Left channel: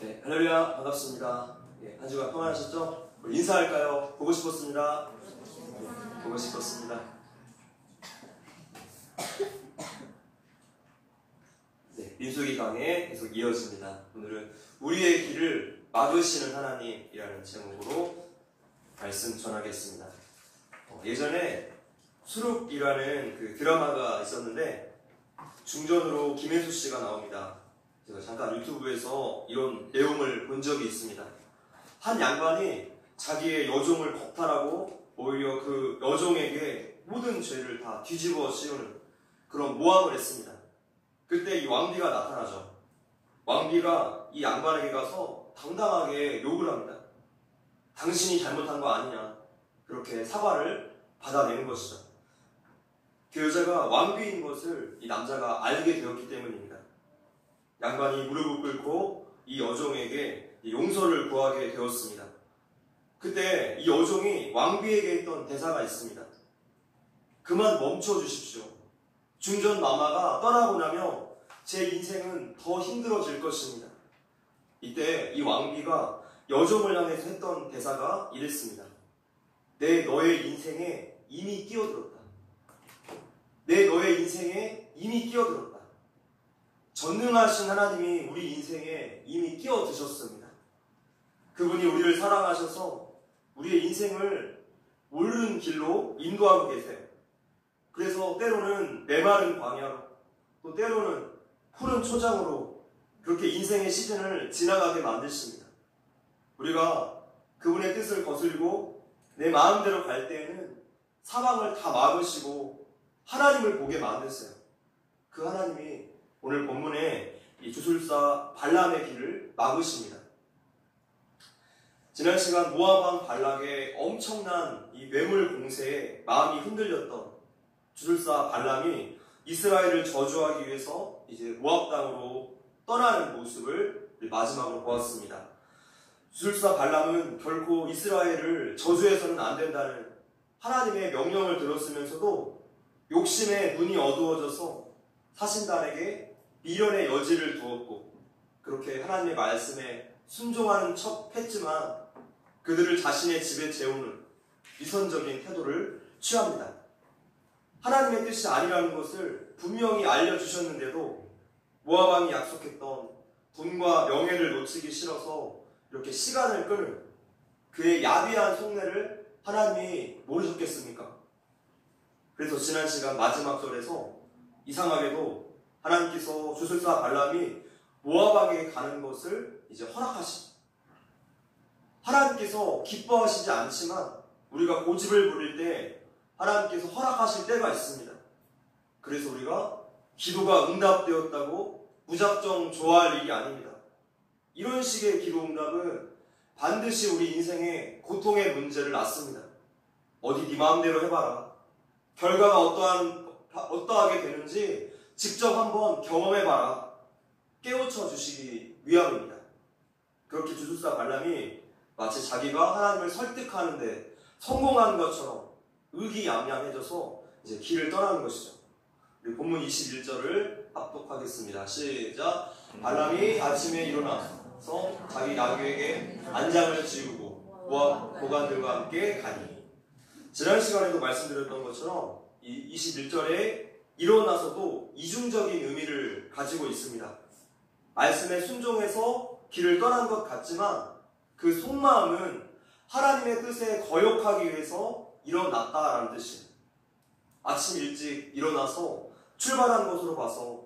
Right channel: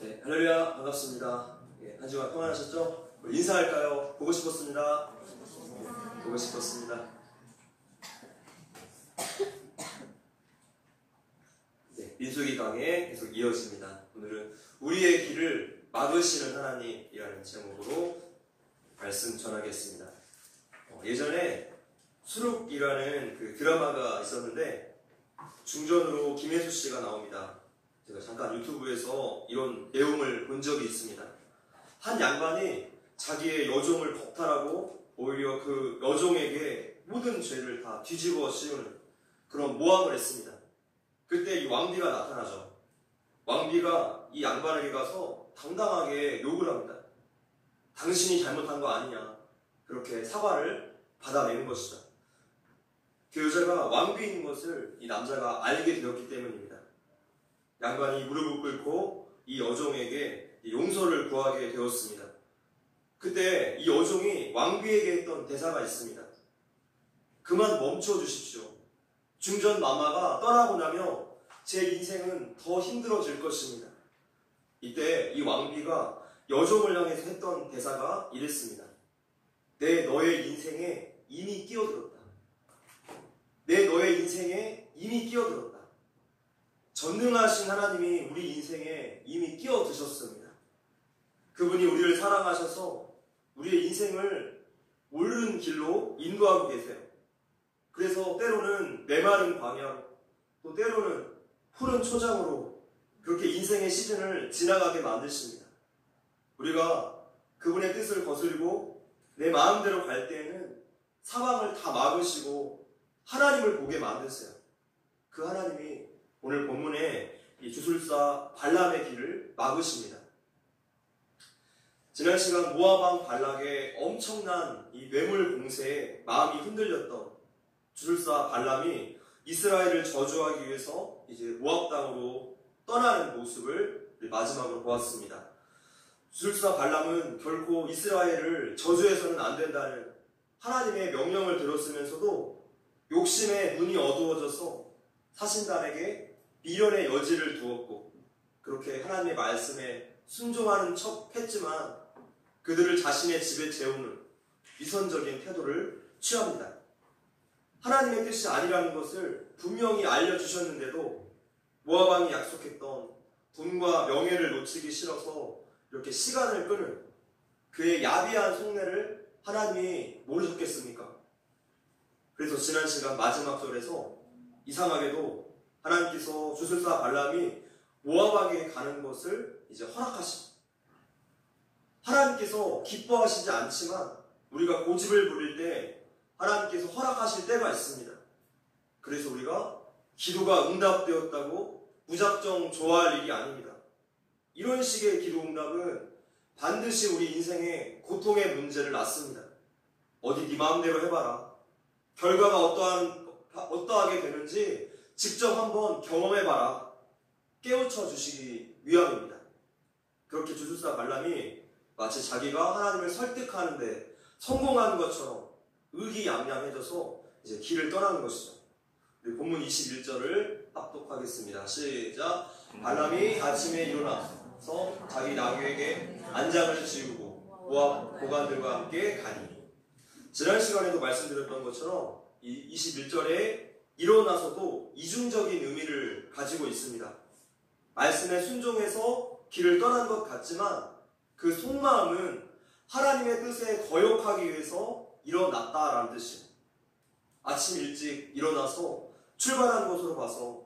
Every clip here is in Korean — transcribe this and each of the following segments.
네, 할렐루야, 반갑습니다. 예, 한 주간 평안하셨죠? 인사할까요? 보고 싶었습니다. 보고 싶었습니다. 네, 민수기 강의 계속 이어집니다. 오늘은 우리의 길을 막으시는 하나님이라는 제목으로 말씀 전하겠습니다. 예전에 수룩이라는 그 드라마가 있었는데 중전으로 김혜수 씨가 나옵니다. 제가 잠깐 유튜브에서 이런 내용을 본 적이 있습니다. 한 양반이 자기의 여종을 겁탈하고 오히려 그 여종에게 모든 죄를 다 뒤집어 씌우는 그런 모함을 했습니다. 그때 이 왕비가 나타나죠. 왕비가 이 양반에게 가서 당당하게 욕을 합니다. 당신이 잘못한 거 아니냐. 그렇게 사과를 받아내는 것이죠. 그 여자가 왕비인 것을 이 남자가 알게 되었기 때문입니다. 양반이 무릎을 꿇고 이 여종에게 용서를 구하게 되었습니다. 그때 이 여종이 왕비에게 했던 대사가 있습니다. 그만 멈춰 주십시오. 중전 마마가 떠나고 나면 제 인생은 더 힘들어질 것입니다. 이때 이 왕비가 여종을 향해서 했던 대사가 이랬습니다. 내 너의 인생에 이미 끼어들었다. 내 너의 인생에 이미 끼어들었다. 전능하신 하나님이 우리 인생에 이미 끼어드셨습니다. 그분이 우리를 사랑하셔서 우리의 인생을 옳은 길로 인도하고 계세요. 그래서 때로는 메마른 광야로, 또 때로는 푸른 초장으로 그렇게 인생의 시즌을 지나가게 만드십니다. 우리가 그분의 뜻을 거슬고 내 마음대로 갈 때에는 사방을 다 막으시고 하나님을 보게 만드세요. 그 하나님이 오늘 본문에 이 주술사 발람의 길을 막으십니다. 지난 시간 모압 왕 발락의 엄청난 이 뇌물 공세에 마음이 흔들렸던 주술사 발람이 이스라엘을 저주하기 위해서 이제 모압 땅으로 떠나는 모습을 마지막으로 보았습니다. 주술사 발람은 결코 이스라엘을 저주해서는 안 된다는 하나님의 명령을 들었으면서도 욕심에 눈이 어두워져서 사신단에게 미련의 여지를 두었고 그렇게 하나님의 말씀에 순종하는 척 했지만 그들을 자신의 집에 재우는 위선적인 태도를 취합니다. 하나님의 뜻이 아니라는 것을 분명히 알려주셨는데도 모압 왕이 약속했던 돈과 명예를 놓치기 싫어서 이렇게 시간을 끄는 그의 야비한 속내를 하나님이 모르셨겠습니까? 그래서 지난 시간 마지막 절에서 이상하게도 하나님께서 주술사 발람이 모압 왕에게 가는 것을 이제 허락하십니다. 하나님께서 기뻐하시지 않지만 우리가 고집을 부릴 때 하나님께서 허락하실 때가 있습니다. 그래서 우리가 기도가 응답되었다고 무작정 좋아할 일이 아닙니다. 이런 식의 기도 응답은 반드시 우리 인생에 고통의 문제를 낳습니다. 어디 네 마음대로 해봐라. 결과가 어떠하게 되는지 직접 한번 경험해봐라. 깨우쳐 주시기 위함입니다. 그렇게 주술사 발람이 마치 자기가 하나님을 설득하는데 성공한 것처럼 의기양양해져서 이제 길을 떠나는 것이죠. 우리 본문 21절을 합독하겠습니다. 시작. 발람이 아침에 일어나서 자기 나귀에게 안장을 지우고 모압 고관들과 함께 가니. 지난 시간에도 말씀드렸던 것처럼 이 21절에 일어나서도 이중적인 의미를 가지고 있습니다. 말씀에 순종해서 길을 떠난 것 같지만 그 속마음은 하나님의 뜻에 거역하기 위해서 일어났다라는 뜻이에요. 아침 일찍 일어나서 출발한 곳으로 가서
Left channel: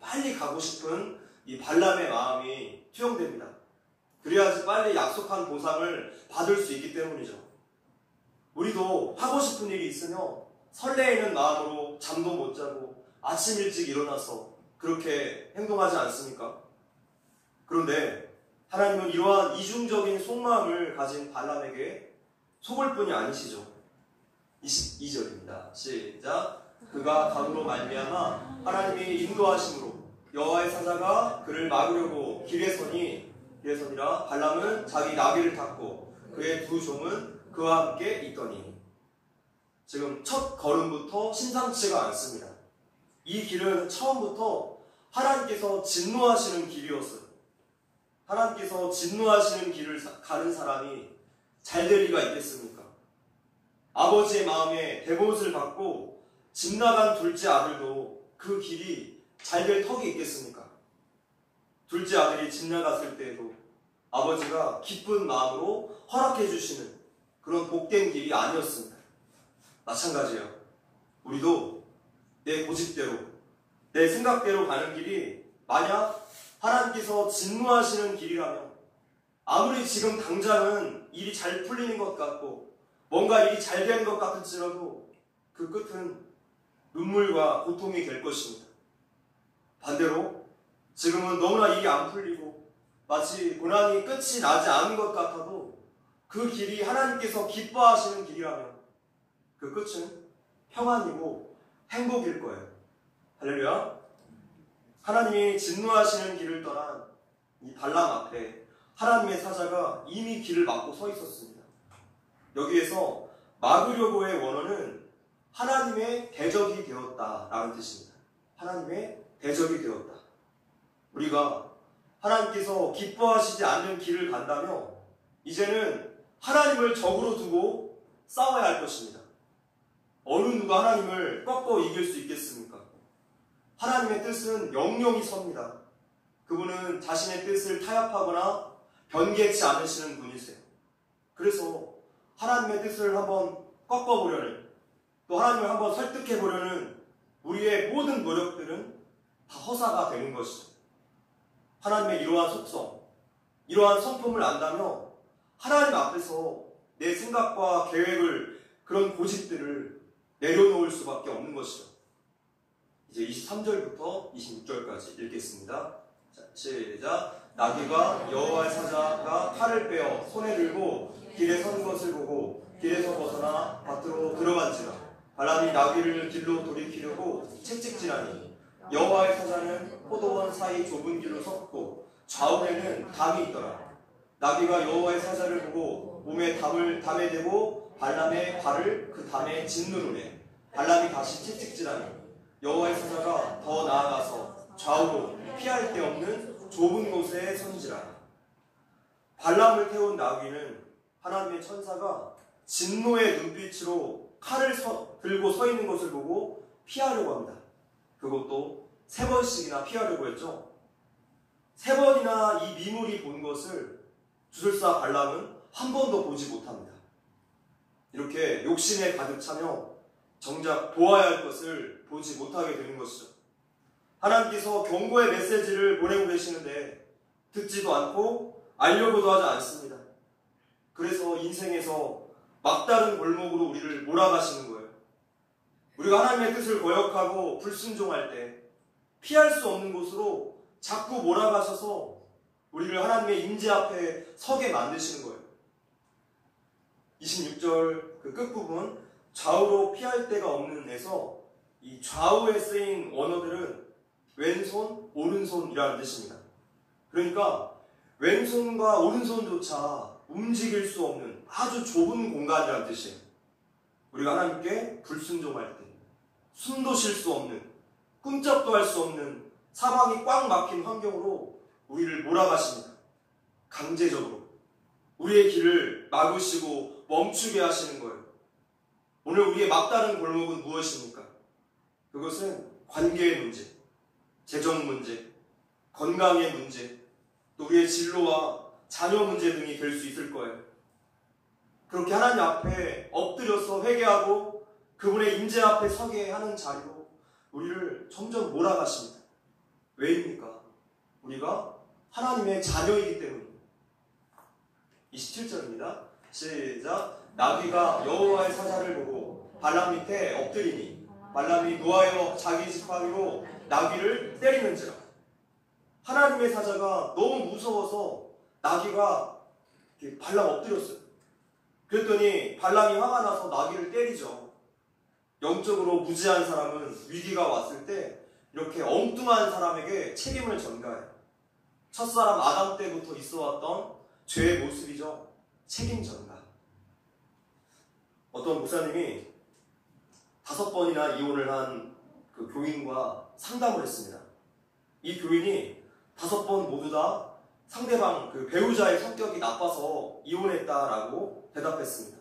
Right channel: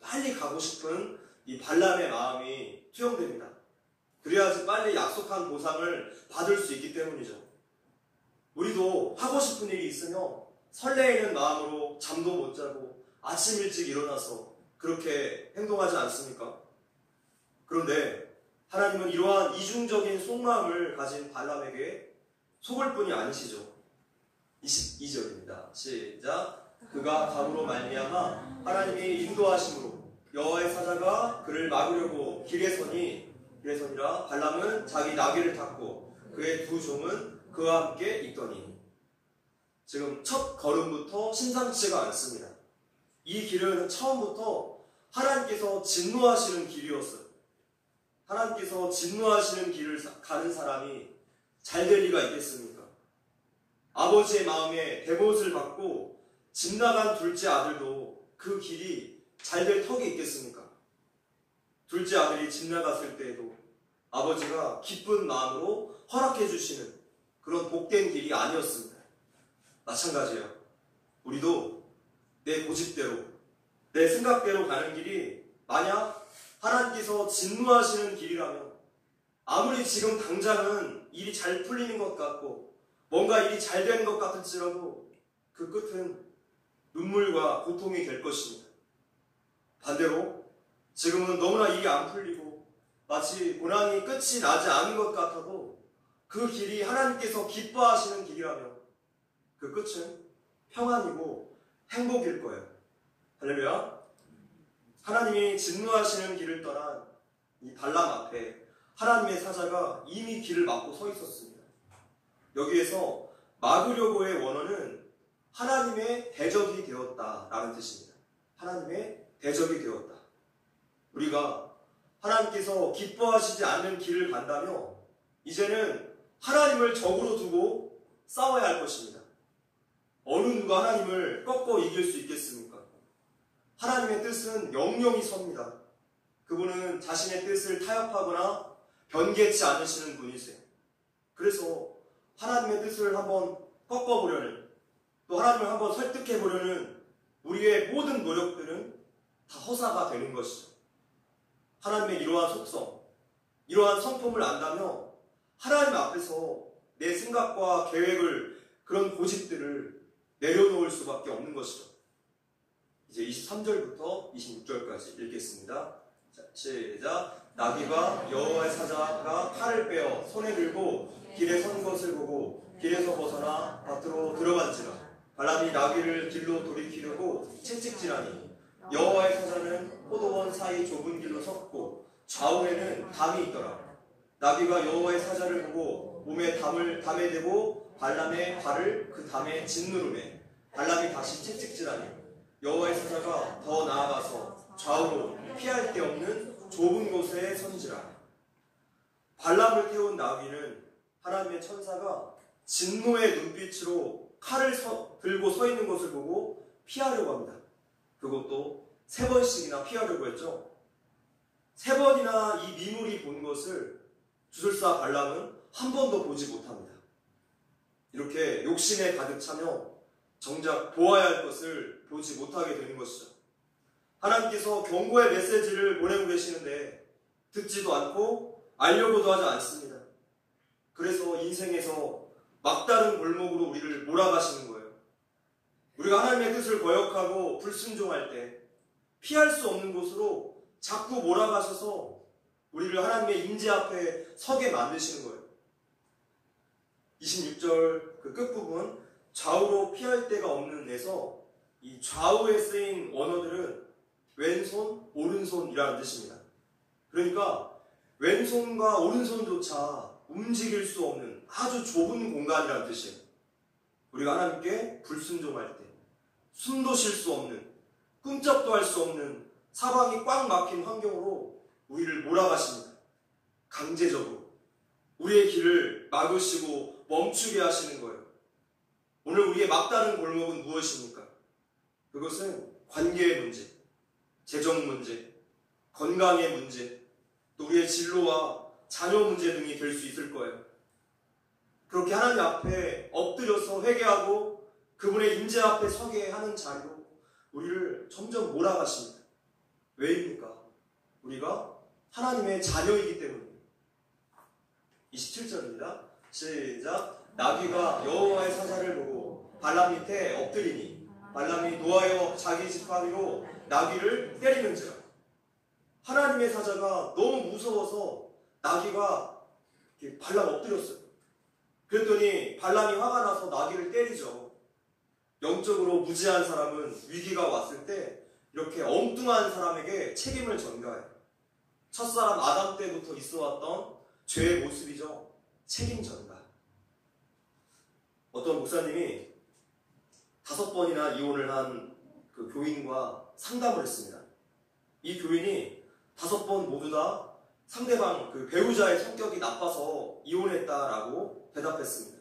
빨리 가고 싶은 이 발람의 마음이 투영됩니다. 그래야지 빨리 약속한 보상을 받을 수 있기 때문이죠. 우리도 하고 싶은 일이 있으면 설레이는 마음으로 잠도 못 자고 아침 일찍 일어나서 그렇게 행동하지 않습니까? 그런데 하나님은 이러한 이중적인 속마음을 가진 발람에게 속을 뿐이 아니시죠. 22절입니다. 시작. 그가 감으로 말미암아 하나님이 인도하심으로 여호와의 사자가 그를 막으려고 길에 서니라 발람은 자기 나귀를 탔고 그의 두 종은 그와 함께 있더니. 지금 첫 걸음부터 심상치가 않습니다. 이 길은 처음부터 하나님께서 진노하시는 길이었어요. 하나님께서 진노하시는 길을 가는 사람이 잘 될 리가 있겠습니까? 아버지의 마음에 대못을 받고 집 나간 둘째 아들도 그 길이 잘 될 턱이 있겠습니까? 둘째 아들이 집 나갔을 때에도 아버지가 기쁜 마음으로 허락해 주시는 그런 복된 길이 아니었습니다. 마찬가지예요. 우리도 내 고집대로, 내 생각대로 가는 길이 만약 하나님께서 진노하시는 길이라면 아무리 지금 당장은 일이 잘 풀리는 것 같고 뭔가 일이 잘 되는 것 같을지라도 그 끝은 눈물과 고통이 될 것입니다. 반대로 지금은 너무나 일이 안 풀리고 마치 고난이 끝이 나지 않은 것 같아도 그 길이 하나님께서 기뻐하시는 길이라면 그 끝은 평안이고 행복일 거예요. 할렐루야. 하나님이 진노하시는 길을 떠난 이 발람 앞에 하나님의 사자가 이미 길을 막고 서 있었습니다. 여기에서 막으려고의 원어는 하나님의 대적이 되었다라는 뜻입니다. 하나님의 대적이 되었다. 우리가 하나님께서 기뻐하시지 않는 길을 간다며 이제는 하나님을 적으로 두고 싸워야 할 것입니다. 어느 누가 하나님을 꺾어 이길 수 있겠습니까? 하나님의 뜻은 영영이 섭니다. 그분은 자신의 뜻을 타협하거나 변개치 않으시는 분이세요. 그래서 하나님의 뜻을 한번 꺾어보려는, 또 하나님을 한번 설득해보려는 우리의 모든 노력들은 다 허사가 되는 것이죠. 하나님의 이러한 속성, 이러한 성품을 안다며 하나님 앞에서 내 생각과 계획을, 그런 고집들을 내려놓을 수밖에 없는 것이죠. 이제 23절부터 26절까지 읽겠습니다. 자, 시작. 나귀가 여호와의 사자가 칼을 빼어 손에 들고 길에 선 것을 보고 길에서 벗어나 밭으로 들어간지라. 발람이 나귀를 길로 돌이키려고 채찍질하니 여호와의 사자는 포도원 사이 좁은 길로 섰고 좌우에는 담이 있더라. 나귀가 여호와의 사자를 보고 몸에 담에 대고 발람의 발을 그 담에 짓누르매 발람이 다시 채찍질하니 여호와의 사자가 더 나아가서 좌우로 피할 데 없는 좁은 곳에 선지라. 발람을 태운 나귀는 하나님의 천사가 진노의 눈빛으로 칼을 들고 서 있는 것을 보고 피하려고 합니다. 그것도 3번씩이나 피하려고 했죠. 3번이나 이 미물이 본 것을 주술사 발람은 한 번도 보지 못합니다. 이렇게 욕심에 가득 차며 정작 보아야 할 것을 보지 못하게 되는 것이죠. 하나님께서 경고의 메시지를 보내고 계시는데 듣지도 않고 알려고도 하지 않습니다. 그래서 인생에서 막다른 골목으로 우리를 몰아가시는 거예요. 우리가 하나님의 뜻을 거역하고 불순종할 때 피할 수 없는 곳으로 자꾸 몰아가셔서 우리를 하나님의 임재 앞에 서게 만드시는 거예요. 26절 그 끝부분 좌우로 피할 데가 없는 에서 이 좌우에 쓰인 원어들은 왼손, 오른손이라는 뜻입니다. 그러니까 왼손과 오른손조차 움직일 수 없는 아주 좁은 공간이라는 뜻이에요. 우리가 하나님께 불순종할 때 숨도 쉴 수 없는, 꿈쩍도 할 수 없는 사방이 꽉 막힌 환경으로 우리를 몰아가십니다. 강제적으로 우리의 길을 막으시고 멈추게 하시는 거예요. 오늘 우리의 막다른 골목은 무엇입니까? 그것은 관계의 문제, 재정 문제, 건강의 문제, 또 우리의 진로와 자녀 문제 등이 될 수 있을 거예요. 그렇게 하나님 앞에 엎드려서 회개하고 그분의 임재 앞에 서게 하는 자리로 우리를 점점 몰아가십니다. 왜입니까? 우리가 하나님의 자녀이기 때문입니다. 27절입니다. 시작. 나귀가 여호와의 사자를 보고 발람 밑에 엎드리니 발람이 노하여 자기 지팡이로 나귀를 때리는지라. 하나님의 사자가 너무 무서워서 나귀가 발람 엎드렸어요. 그랬더니 발람이 화가 나서 나귀를 때리죠. 영적으로 무지한 사람은 위기가 왔을 때 이렇게 엉뚱한 사람에게 책임을 전가해요. 첫사람 아담 때부터 있어왔던 죄의 모습이죠. 책임 전가. 어떤 목사님이 5번이나 이혼을 한 그 교인과 상담을 했습니다. 이 교인이 5번 모두 다 상대방 그 배우자의 성격이 나빠서 이혼했다라고 대답했습니다.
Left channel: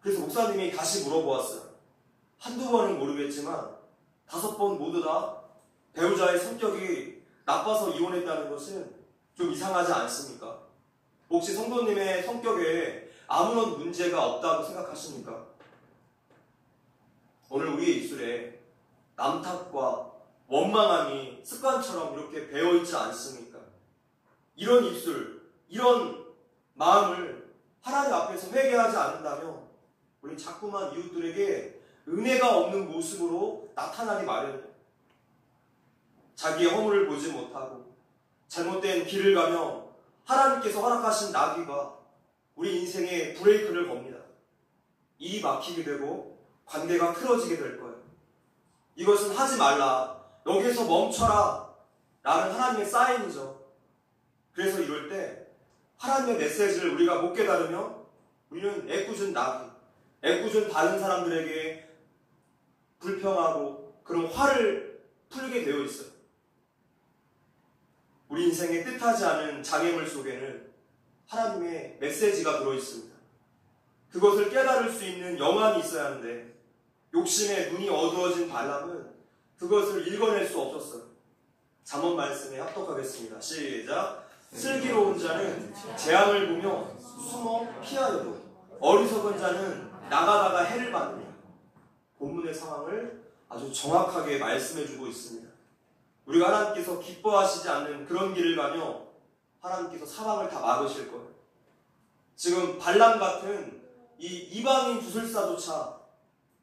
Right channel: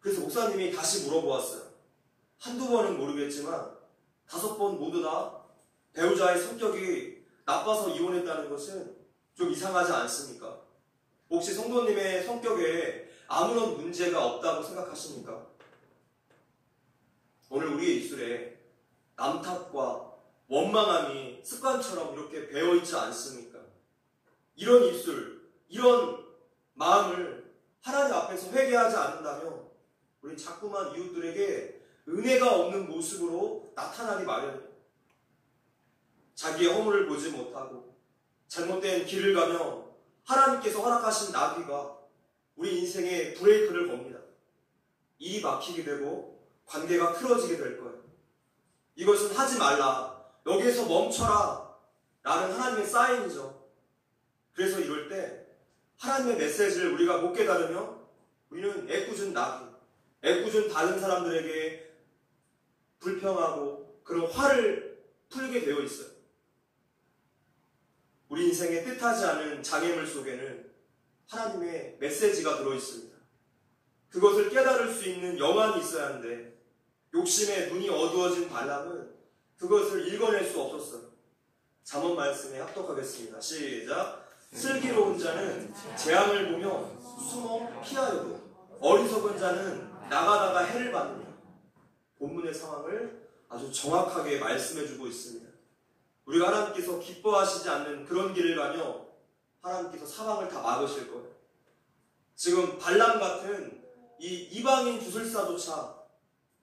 그래서 목사님이 다시 물어보았어요. 한두 번은 모르겠지만 5번 모두 다 배우자의 성격이 나빠서 이혼했다는 것은 좀 이상하지 않습니까? 혹시 성도님의 성격에 아무런 문제가 없다고 생각하십니까? 오늘 우리의 입술에 남탓과 원망함이 습관처럼 이렇게 배어있지 않습니까? 이런 입술, 이런 마음을 하나님 앞에서 회개하지 않는다면 우리 자꾸만 이웃들에게 은혜가 없는 모습으로 나타나기 마련이에요. 자기의 허물을 보지 못하고 잘못된 길을 가며 하나님께서 허락하신 나귀가 우리 인생에 브레이크를 겁니다. 일이 막히게 되고 관계가 틀어지게 될 거예요. 이것은 하지 말라. 여기에서 멈춰라. 라는 하나님의 사인이죠. 그래서 이럴 때 하나님의 메시지를 우리가 못 깨달으면 우리는 애꿎은 나귀, 애꿎은 다른 사람들에게 불평하고 그런 화를 풀게 되어 있어요. 우리 인생의 뜻하지 않은 장애물 속에는 하나님의 메시지가 들어있습니다. 그것을 깨달을 수 있는 영안이 있어야 하는데 욕심의 눈이 어두워진 발람은 그것을 읽어낼 수 없었어요. 잠언 말씀에 합독하겠습니다. 시작. 슬기로운 자는 재앙을 보며 숨어 피하여도 어리석은 자는 나가다가 해를 받느냐. 본문의 상황을 아주 정확하게 말씀해주고 있습니다. 우리가 하나님께서 기뻐하시지 않는 그런 길을 가며 하나님께서 사방을 다 막으실 거예요. 지금 발람 같은 이 이방인 주술사조차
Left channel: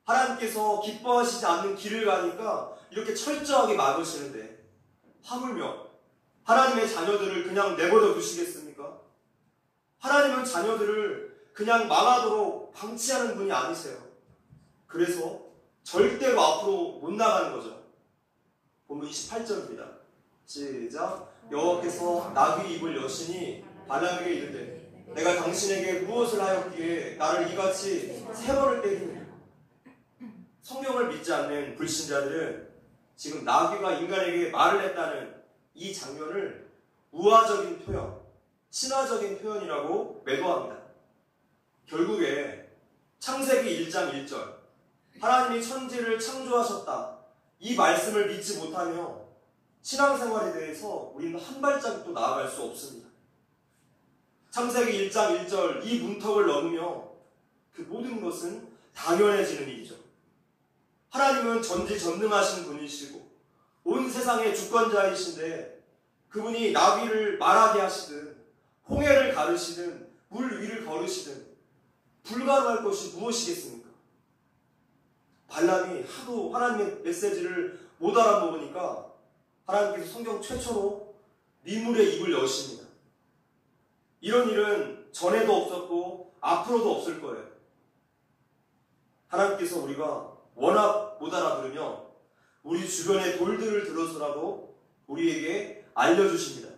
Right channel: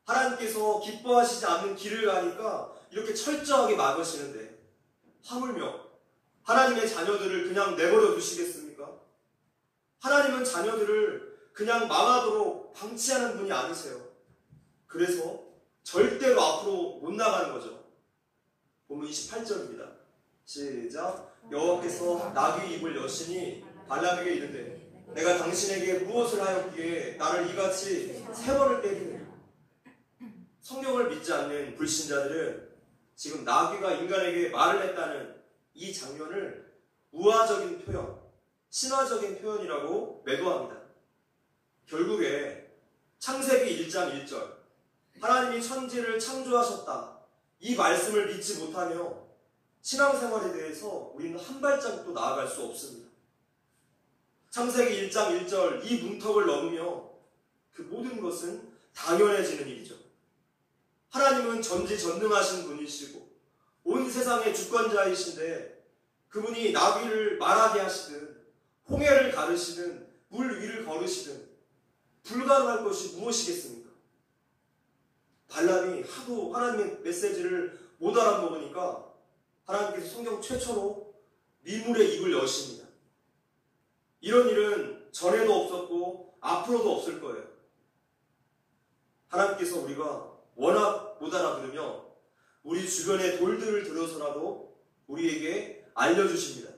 하나님께서 기뻐하시지 않는 길을 가니까 이렇게 철저하게 막으시는데 하물며 하나님의 자녀들을 그냥 내버려 두시겠습니까? 하나님은 자녀들을 그냥 망하도록 방치하는 분이 아니세요. 그래서 절대로 앞으로 못 나가는 거죠. 본문 28절입니다. 시작. 여호와께서 나귀 입을 여신이 발람에게 이르되 내가 당신에게 무엇을 하였기에 나를 이같이 3번을 때리느냐. 성경을 믿지 않는 불신자들은 지금 나귀가 인간에게 말을 했다는 이 장면을 우화적인 표현, 신화적인 표현이라고 매도합니다. 결국에 창세기 1장 1절 하나님이 천지를 창조하셨다. 이 말씀을 믿지 못하며 신앙생활에 대해서 우리는 한 발짝도 나아갈 수 없습니다. 창세기 1장 1절 이 문턱을 넘으며 그 모든 것은 당연해지는 일이죠. 하나님은 전지전능하신 분이시고 온 세상의 주권자이신데 그분이 나귀를 말하게 하시든 홍해를 가르시든 물 위를 걸으시든 불가능할 것이 무엇이겠습니까? 발람이 하도 하나님의 메시지를 못 알아먹으니까 하나님께서 성경 최초로 미물의 입을 여십니다. 이런 일은 전에도 없었고 앞으로도 없을 거예요. 하나님께서 우리가 워낙 못 알아들으며 우리 주변의 돌들을 들어서라도 우리에게 알려주십니다.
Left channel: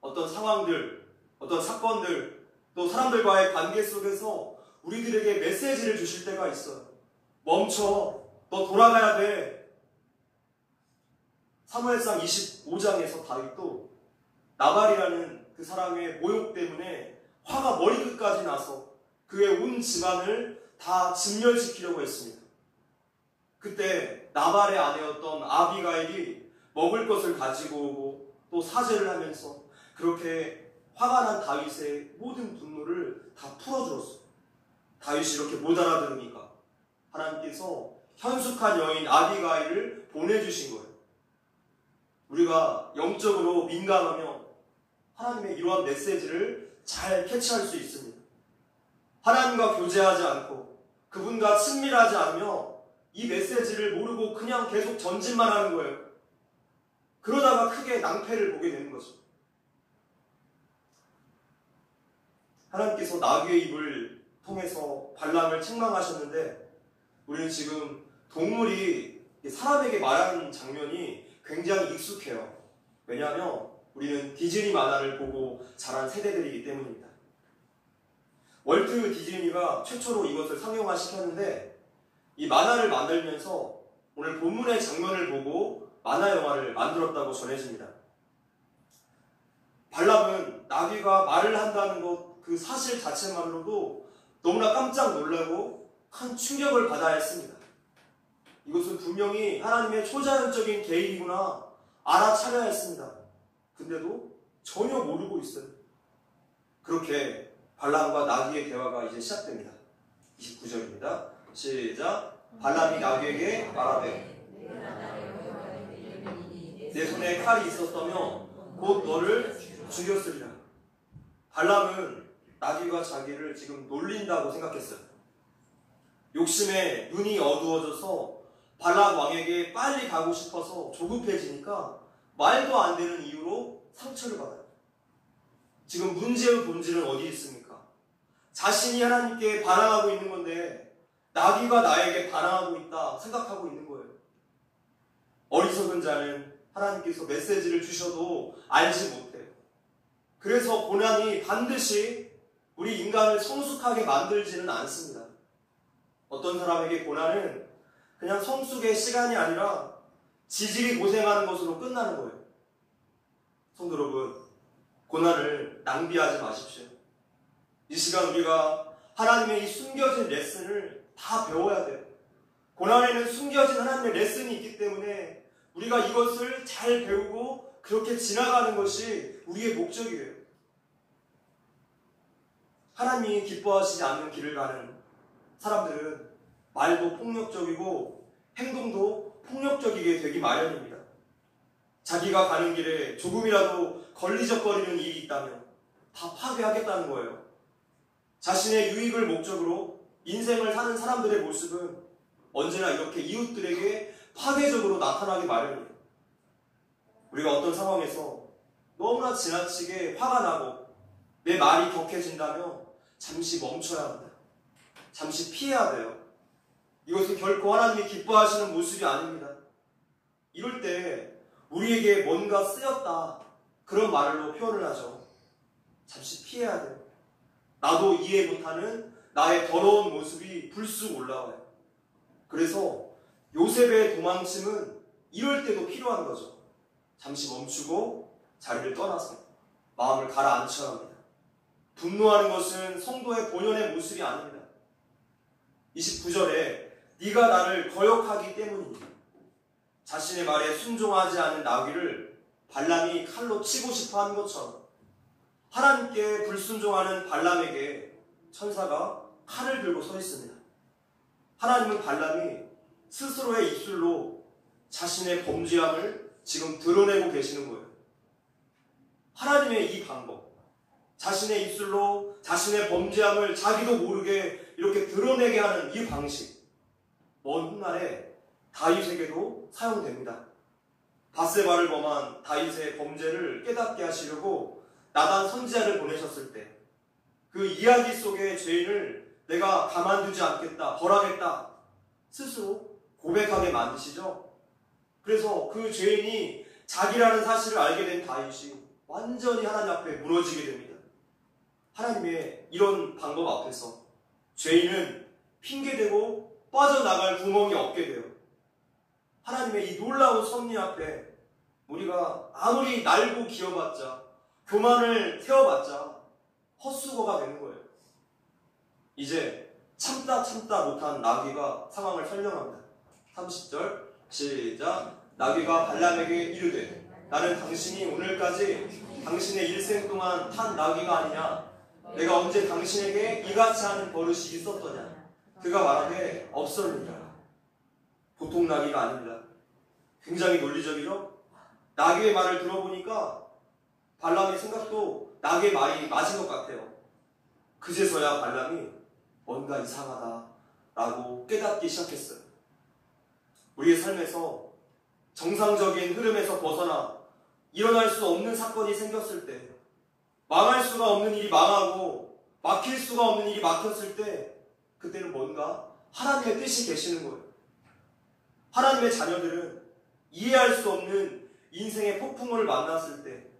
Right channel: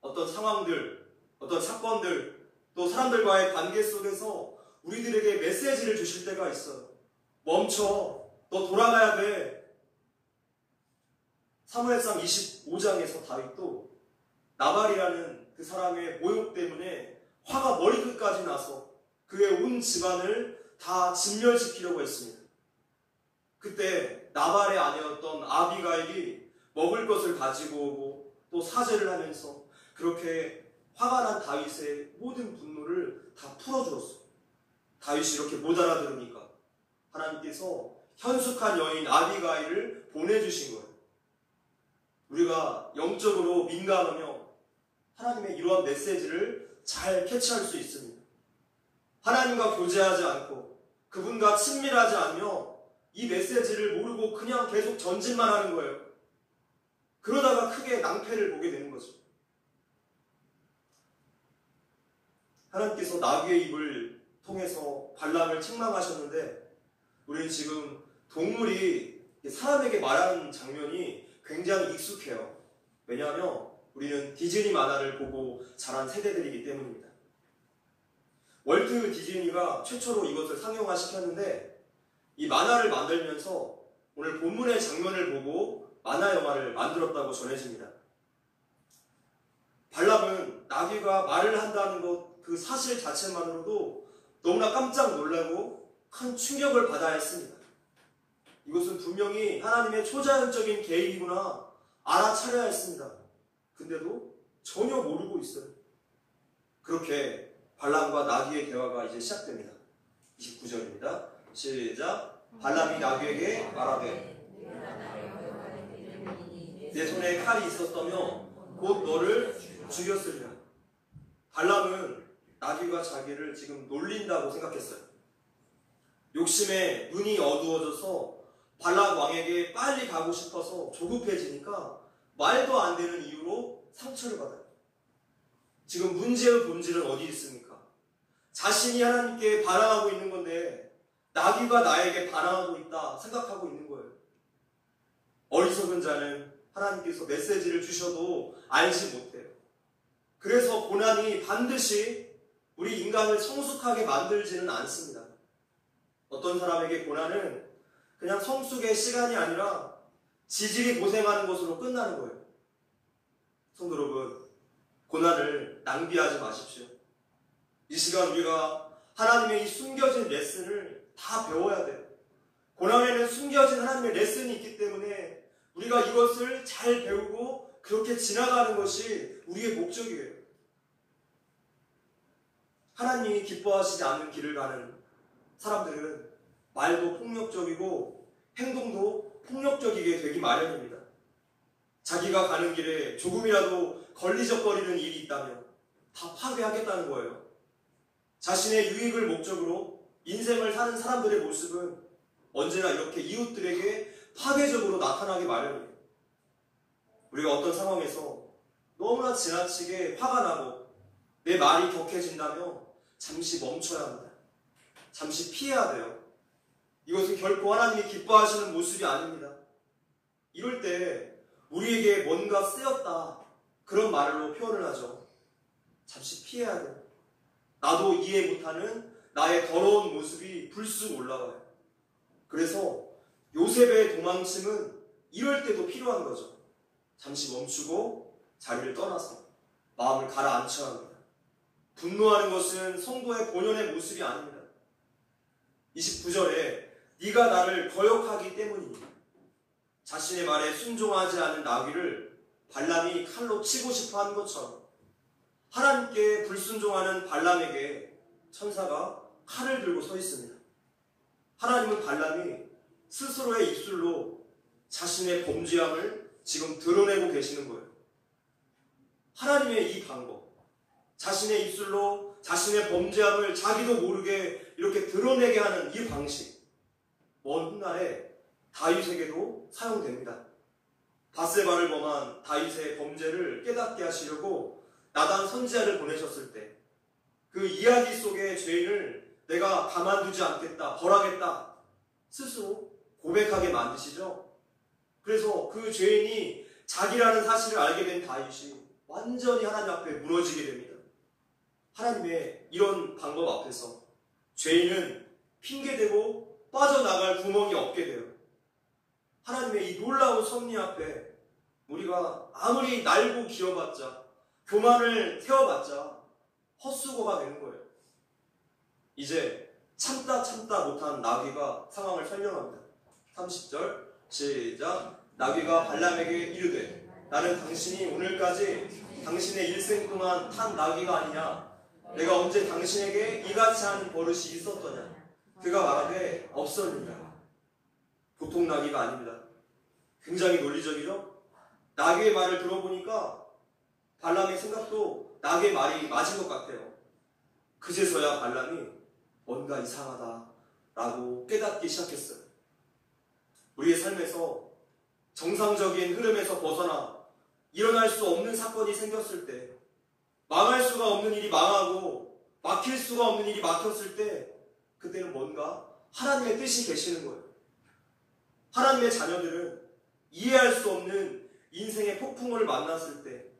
어떤 상황들, 어떤 사건들, 또 사람들과의 관계 속에서 우리들에게 메시지를 주실 때가 있어요. 멈춰, 너 돌아가야 돼. 사무엘상 25장에서 다윗도 나발이라는 그 사람의 모욕 때문에 화가 머리끝까지 나서 그의 온 집안을 다 진멸시키려고 했습니다. 그때 나발의 아내였던 아비가일이 먹을 것을 가지고 오고 또 사죄를 하면서 그렇게 화가 난 다윗의 모든 분노를 다 풀어주었어요. 다윗이 이렇게 못 알아들으니까 하나님께서 현숙한 여인 아비가일을 보내주신 거예요. 우리가 영적으로 민감하며 하나님의 이러한 메시지를 잘 캐치할 수 있습니다. 하나님과 교제하지 않고 그분과 친밀하지 않으며 이 메시지를 모르고 그냥 계속 전진만 하는 거예요. 그러다가 크게 낭패를 보게 되는 거죠. 하나님께서 나귀의 입을 통해서 발람을 책망하셨는데 우리는 지금 동물이 사람에게 말하는 장면이 굉장히 익숙해요. 왜냐하면 우리는 디즈니 만화를 보고 자란 세대들이기 때문입니다. 월트 디즈니가 최초로 이것을 상용화시켰는데 이 만화를 만들면서 오늘 본문의 장면을 보고 만화 영화를 만들었다고 전해집니다. 발람은 나귀가 말을 한다는 것 그 사실 자체만으로도 너무나 깜짝 놀라고 큰 충격을 받아야 했습니다. 이것은 분명히 하나님의 초자연적인 계획이구나 알아차려야 했습니다. 근데도 전혀 모르고 있어요. 그렇게 발람과 나귀의 대화가 이제 시작됩니다. 29절입니다. 시작. 발람이 나귀에게 말하되 내 손에 칼이 있었다면 곧 너를 죽였으리라. 발람은 나귀가 자기를 지금 놀린다고 생각했어요. 욕심에 눈이 어두워져서 발람 왕에게 빨리 가고 싶어서 조급해지니까 말도 안 되는 이유로 상처를 받아요. 지금 문제의 본질은 어디 있습니까? 자신이 하나님께 반항하고 있는 건데 나귀가 나에게 반항하고 있다 생각하고 있는 거예요. 어리석은 자는 하나님께서 메시지를 주셔도 알지 못해요. 그래서 고난이 반드시 우리 인간을 성숙하게 만들지는 않습니다. 어떤 사람에게 고난은 그냥 성숙의 시간이 아니라 지질이 고생하는 것으로 끝나는 거예요. 성도 여러분, 고난을 낭비하지 마십시오. 이 시간 우리가 하나님의 이 숨겨진 레슨을 다 배워야 돼요. 고난에는 숨겨진 하나님의 레슨이 있기 때문에 우리가 이것을 잘 배우고 그렇게 지나가는 것이 우리의 목적이에요. 하나님이 기뻐하시지 않는 길을 가는 사람들은 말도 폭력적이고 행동도 폭력적이게 되기 마련입니다. 자기가 가는 길에 조금이라도 걸리적거리는 일이 있다면 다 파괴하겠다는 거예요. 자신의 유익을 목적으로 인생을 사는 사람들의 모습은 언제나 이렇게 이웃들에게 파괴적으로 나타나기 마련이에요. 우리가 어떤 상황에서 너무나 지나치게 화가 나고 내 말이 격해진다면 잠시 멈춰야 합니다. 잠시 피해야 돼요. 이것은 결코 하나님이 기뻐하시는 모습이 아닙니다. 이럴 때 우리에게 뭔가 쓰였다 그런 말로 표현을 하죠. 잠시 피해야 돼요. 나도 이해 못하는 나의 더러운 모습이 불쑥 올라와요. 그래서 요셉의 도망침은 이럴 때도 필요한 거죠. 잠시 멈추고 자리를 떠나서 마음을 가라앉혀야 합니다. 분노하는 것은 성도의 본연의 모습이 아닙니다. 29절에 네가 나를 거역하기 때문이다. 자신의 말에 순종하지 않은 나귀를 발람이 칼로 치고 싶어 하는 것처럼 하나님께 불순종하는 발람에게 천사가 칼을 들고 서 있습니다. 하나님은 발람이 스스로의 입술로 자신의 범죄함을 지금 드러내고 계시는 거예요. 하나님의 이 방법, 자신의 입술로 자신의 범죄함을 자기도 모르게 이렇게 드러내게 하는 이 방식, 먼 훗날에 다윗에게도 사용됩니다. 밧세바를 범한 다윗의 범죄를 깨닫게 하시려고 나단 선지자를 보내셨을 때 그 이야기 속의 죄인을 내가 가만두지 않겠다, 벌하겠다 스스로 고백하게 만드시죠. 그래서 그 죄인이 자기라는 사실을 알게 된 다윗이 완전히 하나님 앞에 무너지게 됩니다. 하나님의 이런 방법 앞에서 죄인은 핑계대고 빠져나갈 구멍이 없게 돼요. 하나님의 이 놀라운 섭리 앞에 우리가 아무리 날고 기어봤자, 교만을 세워봤자 헛수고가 되는 거예요. 이제 참다 못한 나귀가 상황을 설명합니다. 30절 시작. 나귀가 발람에게 이르되 나는 당신이 오늘까지 당신의 일생 동안 탄 나귀가 아니냐? 내가 언제 당신에게 이같이 하는 버릇이 있었더냐? 그가 말하되 없었느니라. 보통 나귀가 아닙니다. 굉장히 논리적이죠? 나귀의 말을 들어보니까 발람의 생각도 나귀의 말이 맞은 것 같아요. 그제서야 발람이 뭔가 이상하다라고 깨닫기 시작했어요. 우리의 삶에서 정상적인 흐름에서 벗어나 일어날 수 없는 사건이 생겼을 때, 망할 수가 없는 일이 망하고 막힐 수가 없는 일이 막혔을 때, 그때는 뭔가 하나님의 뜻이 계시는 거예요. 하나님의 자녀들은 이해할 수 없는 인생의 폭풍을 만났을 때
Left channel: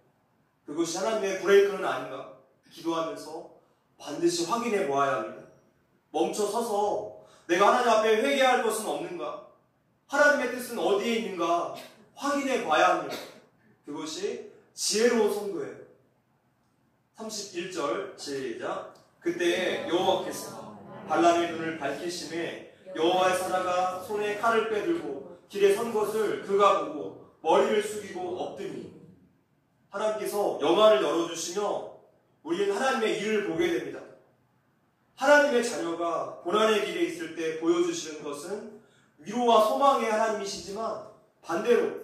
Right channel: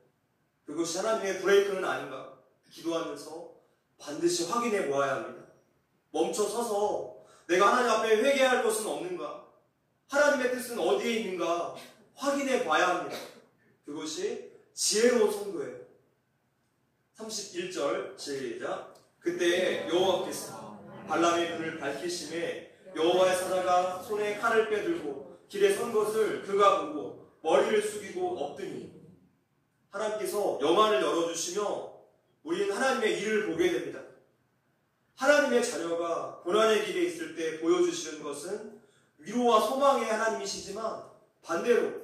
그것이 하나님의 브레이크는 아닌가 기도하면서 반드시 확인해 보아야 합니다. 멈춰서서 내가 하나님 앞에 회개할 것은 없는가, 하나님의 뜻은 어디에 있는가 확인해 봐야 합니다. 그것이 지혜로운 성도예요. 31절 시작. 그때 여호와께서 발람의 눈을 밝히심에 여호와의 사자가 손에 칼을 빼들고 길에 선 것을 그가 보고 머리를 숙이고 엎드니 하나님께서 영안을 열어주시며 우리는 하나님의 일을 보게 됩니다. 하나님의 자녀가 고난의 길에 있을 때 보여주시는 것은 위로와 소망의 하나님이시지만 반대로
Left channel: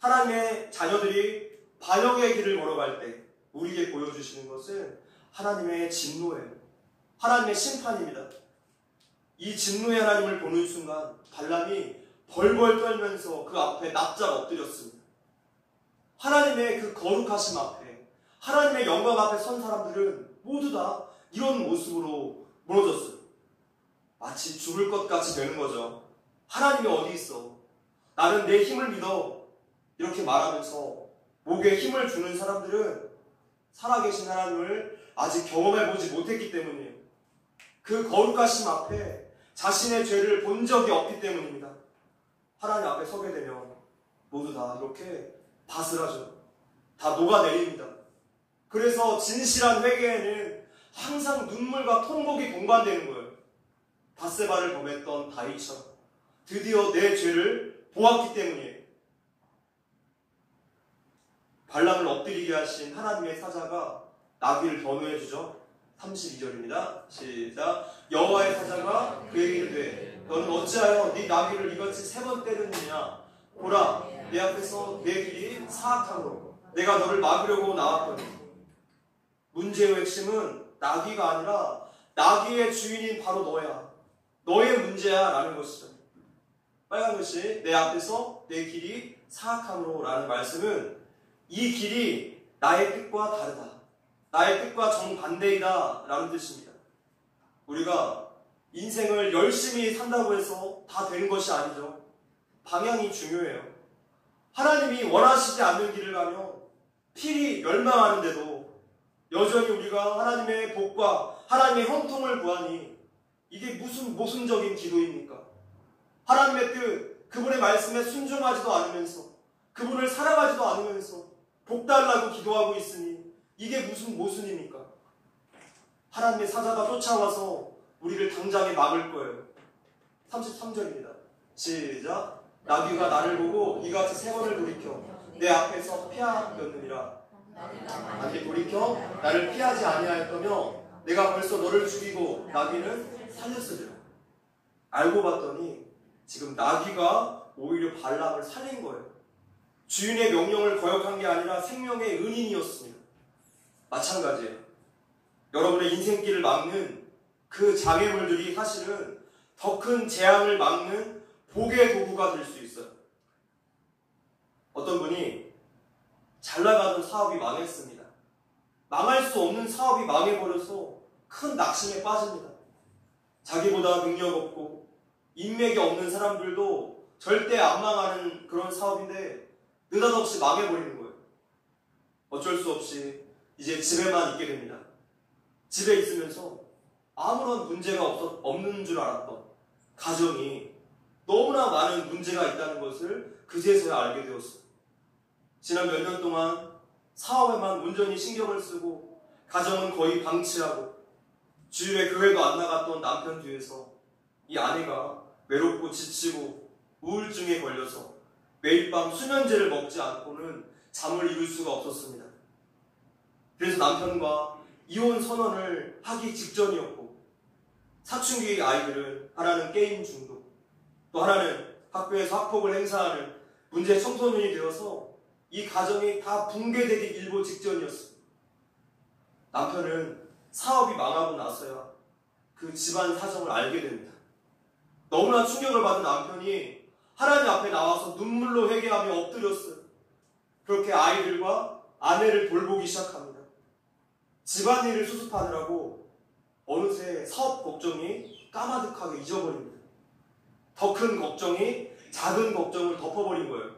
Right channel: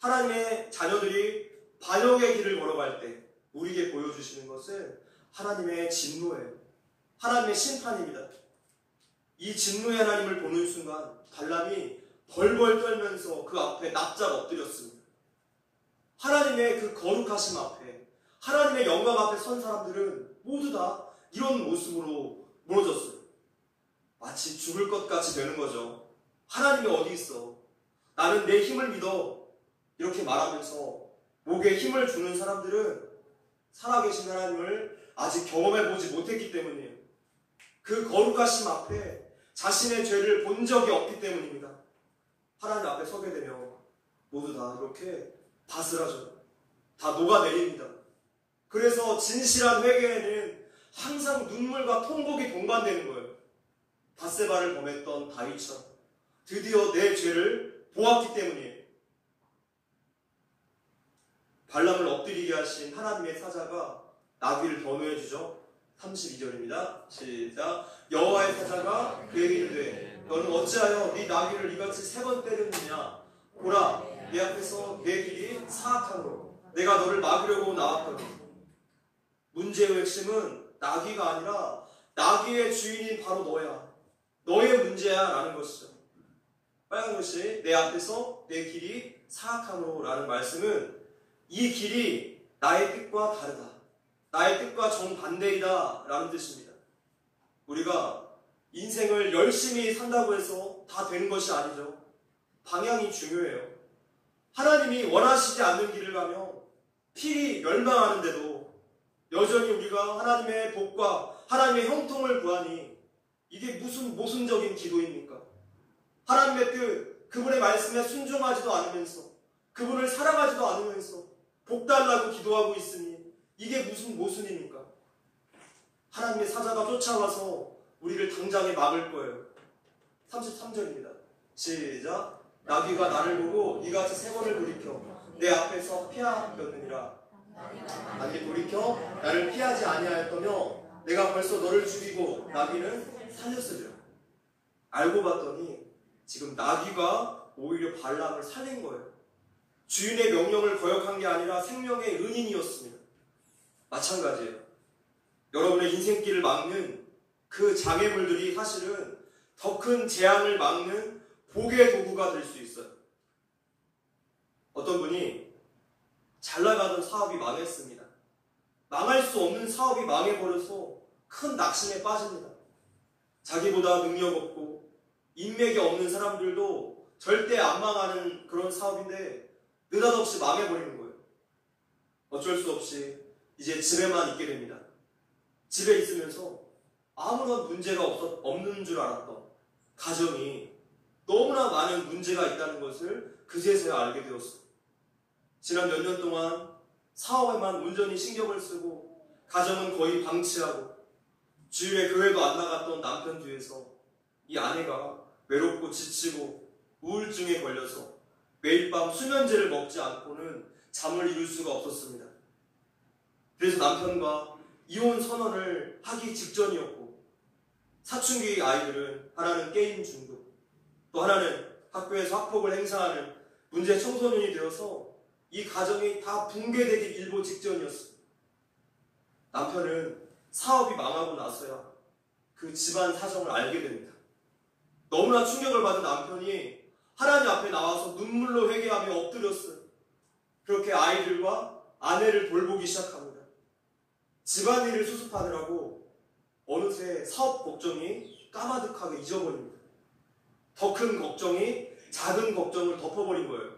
하나님의 자녀들이 반역의 길을 걸어갈 때 우리에게 보여주시는 것은 하나님의 진노예요. 하나님의 심판입니다. 이 진노의 하나님을 보는 순간 발람이 벌벌 떨면서 그 앞에 납작 엎드렸습니다. 하나님의 그 거룩하심 앞에, 하나님의 영광 앞에 선 사람들은 모두 다 이런 모습으로 무너졌어요. 마치 죽을 것 같이 되는 거죠. 하나님이 어디 있어? 나는 내 힘을 믿어. 이렇게 말하면서 목에 힘을 주는 사람들은 살아계신 하나님을 아직 경험해보지 못했기 때문이에요. 그 거룩하심 앞에 자신의 죄를 본 적이 없기 때문입니다. 하나님 앞에 서게 되면 모두 다 이렇게 바스라져요. 다 녹아내립니다. 그래서 진실한 회개에는 항상 눈물과 통곡이 동반되는 거예요. 밧세바를 범했던 다윗처럼 드디어 내 죄를 보았기 때문이에요. 발람을 엎드리게 하신 하나님의 사자가 나귀를 변호해 주죠. 32절입니다. 시작. 여호와의 사자가 그에게 이르되 너는 어찌하여 네 나귀를 이같이 3번 때렸느냐. 보라, 내 앞에서 내 길이 사악하므로 내가 너를 막으려고 나왔거든. 문제의 핵심은 나귀가 아니라 나귀의 주인인 바로 너야. 너의 문제야 라는 것이죠. 빨간 글씨 내 앞에서 내 길이 사악함으로 라는 말씀은 이 길이 나의 뜻과 다르다. 나의 뜻과 정반대이다 라는 뜻입니다. 우리가 인생을 열심히 산다고 해서 다 되는 것이 아니죠. 방향이 중요해요. 하나님이 원하시지 않는 길을 가며 필히 멸망하는데도 여전히 우리가 하나님의 복과 하나님의 형통을 구하니 이게 무슨 모순적인 기도입니까? 하나님의 뜻, 그분의 말씀에 순종하지도 않으면서 그분을 사랑하지도 않으면서 복 달라고 기도하고 있으니 이게 무슨 모순입니까? 하나님의 사자가 쫓아와서 우리를 당장에 막을 거예요. 33절입니다. 시작. 나귀가 나를 보고 이같이 3번을 돌이켜 내 앞에서 피하였느니라. 나귀 돌이켜 나를 피하지 아니할 거며 내가 벌써 너를 죽이고 나귀는 살렸으리라. 알고 봤더니 지금 나귀가 오히려 발람을 살린 거예요. 주인의 명령을 거역한 게 아니라 생명의 은인이었습니다. 마찬가지예요. 여러분의 인생길을 막는 그 장애물들이 사실은 더 큰 재앙을 막는 복의 도구가 될 수 있어요. 어떤 분이 잘 나가던 사업이 망했습니다. 망할 수 없는 사업이 망해버려서 큰 낙심에 빠집니다. 자기보다 능력 없고 인맥이 없는 사람들도 절대 안 망하는 그런 사업인데 느닷없이 망해버리는 거예요. 어쩔 수 없이 이제 집에만 있게 됩니다. 집에 있으면서 아무런 문제가 없는 줄 알았던 가정이 너무나 많은 문제가 있다는 것을 그제서야 알게 되었어요. 지난 몇 년 동안 사업에만 온전히 신경을 쓰고 가정은 거의 방치하고 주일에 교회도 안 나갔던 남편 뒤에서 이 아내가 외롭고 지치고 우울증에 걸려서 매일 밤 수면제를 먹지 않고는 잠을 이룰 수가 없었습니다. 그래서 남편과 이혼 선언을 하기 직전이었고 사춘기 아이들은 하나는 게임 중독, 또 하나는 학교에서 학폭을 행사하는 문제 청소년이 되어서 이 가정이 다 붕괴되기 일보 직전이었습니다. 남편은 사업이 망하고 나서야 그 집안 사정을 알게 됩니다. 너무나 충격을 받은 남편이 하나님 앞에 나와서 눈물로 회개하며 엎드렸어요. 그렇게 아이들과 아내를 돌보기 시작합니다. 집안일을 수습하느라고 어느새 사업 걱정이 까마득하게 잊어버립니다. 더 큰 걱정이 작은 걱정을 덮어버린 거예요.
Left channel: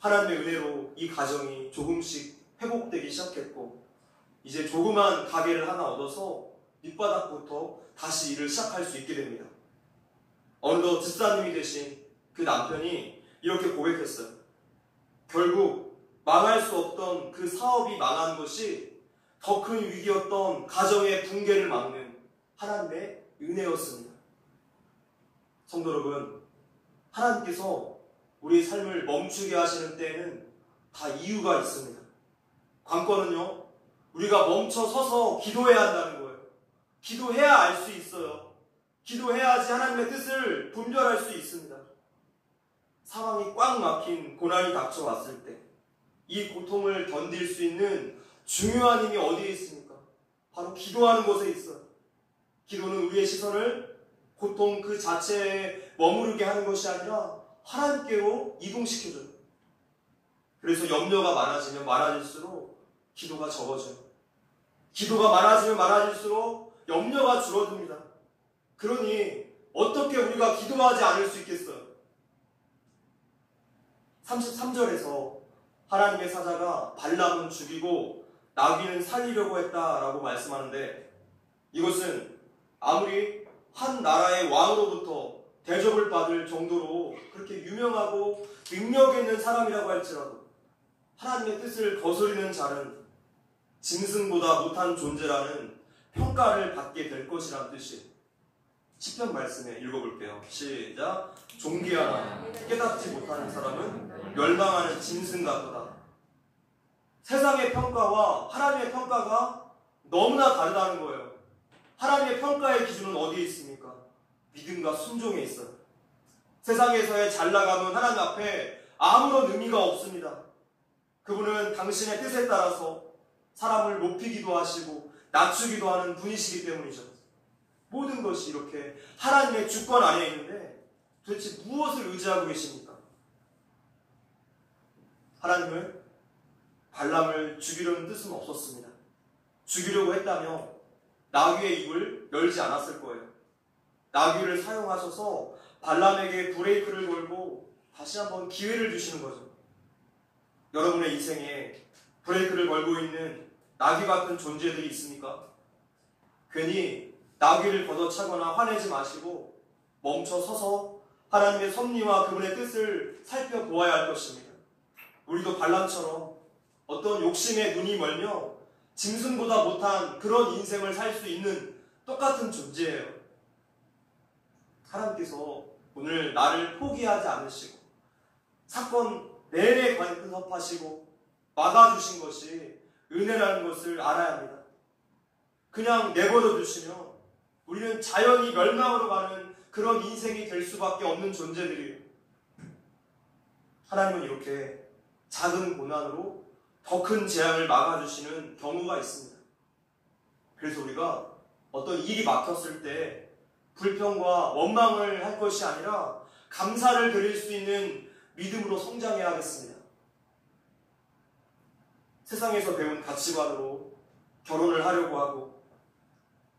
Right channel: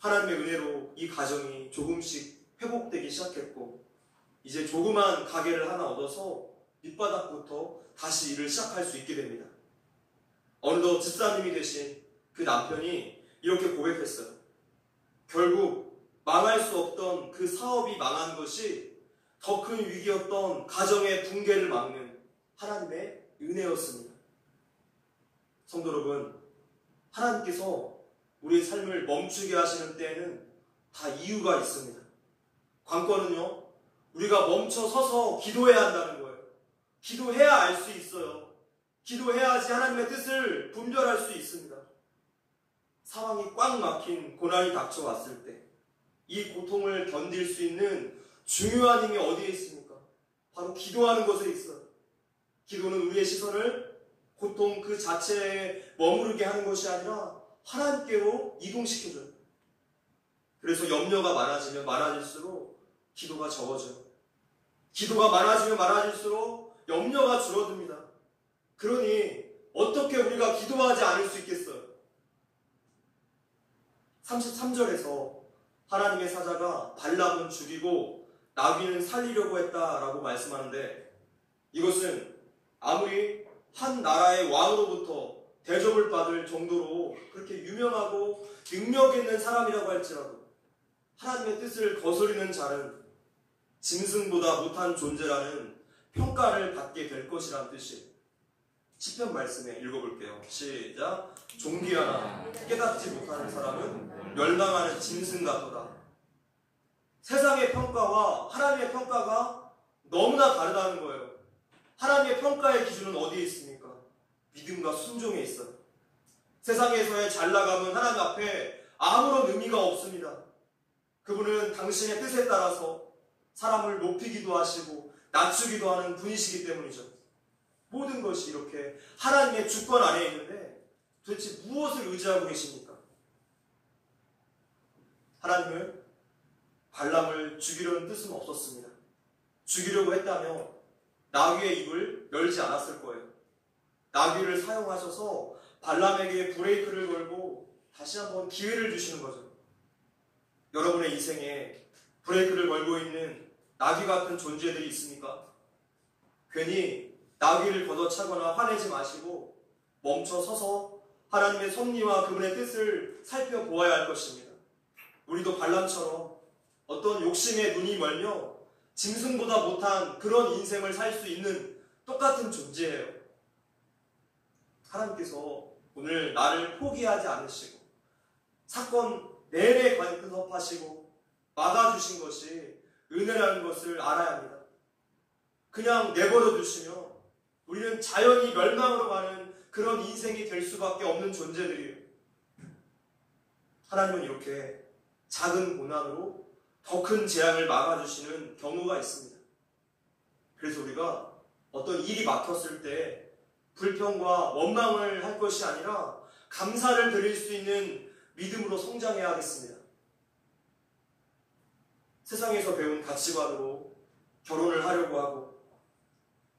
하나님의 은혜로 이 가정이 조금씩 회복되기 시작했고 이제 조그만 가게를 하나 얻어서 밑바닥부터 다시 일을 시작할 수 있게 됩니다. 어느덧 집사님이 되신 그 남편이 이렇게 고백했어요. 결국 망할 수 없던 그 사업이 망한 것이 더 큰 위기였던 가정의 붕괴를 막는 하나님의 은혜였습니다. 성도 여러분, 하나님께서 우리의 삶을 멈추게 하시는 때에는 다 이유가 있습니다. 관건은요, 우리가 멈춰 서서 기도해야 한다는 거예요. 기도해야 알 수 있어요. 기도해야지 하나님의 뜻을 분별할 수 있습니다. 상황이 꽉 막힌 고난이 닥쳐왔을 때 이 고통을 견딜 수 있는 중요한 힘이 어디에 있습니까? 바로 기도하는 곳에 있어요. 기도는 우리의 시선을 고통 그 자체에 머무르게 하는 것이 아니라 하나님께로 이동시켜줘요. 그래서 염려가 많아지면 많아질수록 기도가 적어져요. 기도가 많아지면 많아질수록 염려가 줄어듭니다. 그러니 어떻게 우리가 기도하지 않을 수 있겠어요? 33절에서 하나님의 사자가 발람은 죽이고 나귀는 살리려고 했다라고 말씀하는데, 이것은 아무리 한 나라의 왕으로부터 대접을 받을 정도로 그렇게 유명하고 능력 있는 사람이라고 할지라도 하나님의 뜻을 거스르는 자는 짐승보다 못한 존재라는 평가를 받게 될 것이라는 뜻이에요. 시편 말씀에 읽어볼게요. 시작. 존귀하나 깨닫지 못하는 사람은 멸망하는 짐승 같도다. 세상의 평가와 하나님의 평가가 너무나 다르다는 거예요. 하나님의 평가의 기준은 어디에 있습니까? 믿음과 순종에 있어요. 세상에서의 잘나감은 하나님 앞에 아무런 의미가 없습니다. 그분은 당신의 뜻에 따라서 사람을 높이기도 하시고 낮추기도 하는 분이시기 때문이죠. 모든 것이 이렇게 하나님의 주권 안에 있는데 도대체 무엇을 의지하고 계십니까? 하나님은 발람을 죽이려는 뜻은 없었습니다. 죽이려고 했다면 나귀의 입을 열지 않았을 거예요. 나귀를 사용하셔서 발람에게 브레이크를 걸고 다시 한번 기회를 주시는 거죠. 여러분의 인생에 브레이크를 걸고 있는 나귀 같은 존재들이 있습니까? 괜히 나귀를 걷어차거나 화내지 마시고 멈춰 서서 하나님의 섭리와 그분의 뜻을 살펴보아야 할 것입니다. 우리도 발람처럼 어떤 욕심에 눈이 멀며 짐승보다 못한 그런 인생을 살 수 있는 똑같은 존재예요. 하나님께서 오늘 나를 포기하지 않으시고 사건 내내 간섭하시고 막아주신 것이 은혜라는 것을 알아야 합니다. 그냥 내버려 두시면 우리는 자연히 멸망으로 가는 그런 인생이 될 수밖에 없는 존재들이에요. 하나님은 이렇게 작은 고난으로 더 큰 재앙을 막아주시는 경우가 있습니다. 그래서 우리가 어떤 일이 막혔을 때 불평과 원망을 할 것이 아니라 감사를 드릴 수 있는 믿음으로 성장해야 하겠습니다. 세상에서 배운 가치관으로 결혼을 하려고 하고,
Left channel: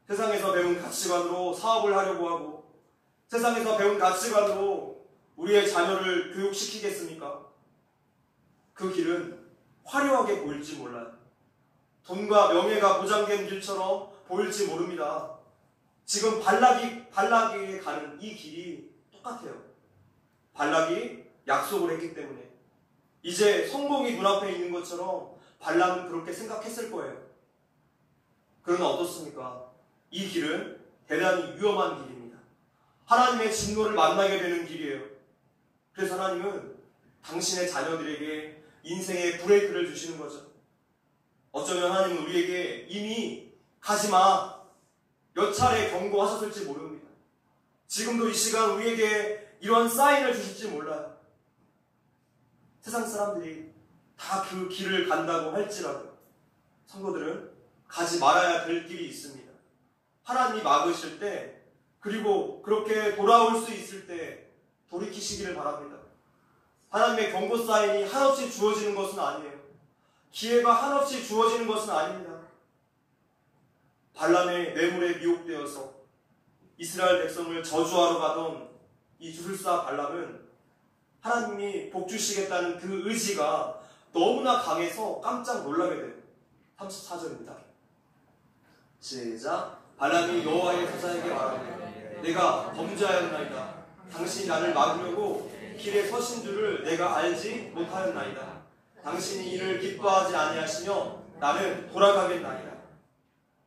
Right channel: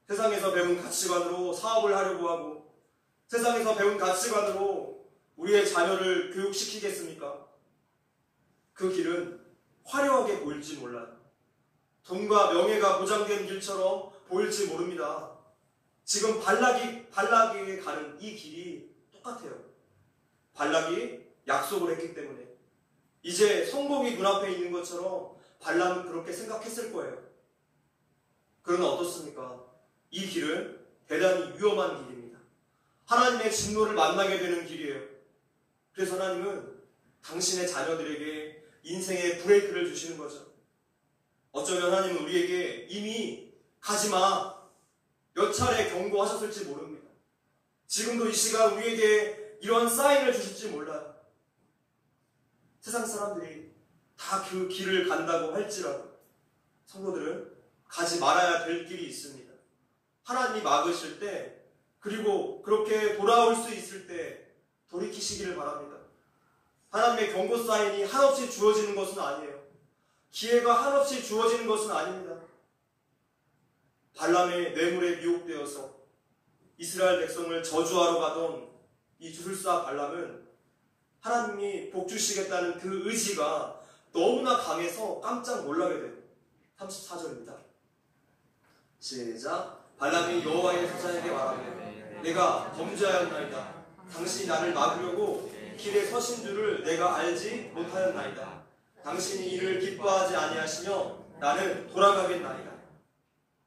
세상에서 배운 가치관으로 사업을 하려고 하고, 세상에서 배운 가치관으로 우리의 자녀를 교육시키겠습니까? 그 길은 화려하게 보일지 몰라요. 돈과 명예가 보장된 길처럼 보일지 모릅니다. 지금 발락이 가는 이 길이 똑같아요. 발락이 약속을 했기 때문에 이제 성공이 눈앞에 있는 것처럼 발람은 그렇게 생각했을 거예요. 그러나 어떻습니까? 이 길은 대단히 위험한 길입니다. 하나님의 진노를 만나게 되는 길이에요. 그래서 하나님은 당신의 자녀들에게 인생의 브레이크를 주시는 거죠. 어쩌면 하나님은 우리에게 이미 가지마 몇 차례 경고하셨을지 모릅니다. 지금도 이 시간 우리에게 이런 사인을 주실지 몰라요. 세상 사람들이 다 그 길을 간다고 할지라도 성도들은 가지 말아야 될 길이 있습니다. 하나님이 막으실 때, 그리고 그렇게 돌아올 수 있을 때 돌이키시기를 바랍니다. 하나님의 경고 사인이 한없이 주어지는 것은 아니에요. 기회가 한없이 주어지는 것은 아닙니다. 발람의 뇌물에 미혹되어서 이스라엘 백성을 저주하러 가던 이 주술사 발람은 하나님이 복주시겠다는 그 의지가 너무나 강해서 깜짝 놀라게 돼요. 34절입니다. 시작. 발람이 여호와의 사자에게 말하되 내가 범죄하였나이다. 당신이 나를 막으려고 길에 서신 줄을 내가 알지 못하였나이다. 당신이 이를 기뻐하지 아니하시며 나는 돌아가겠나이다.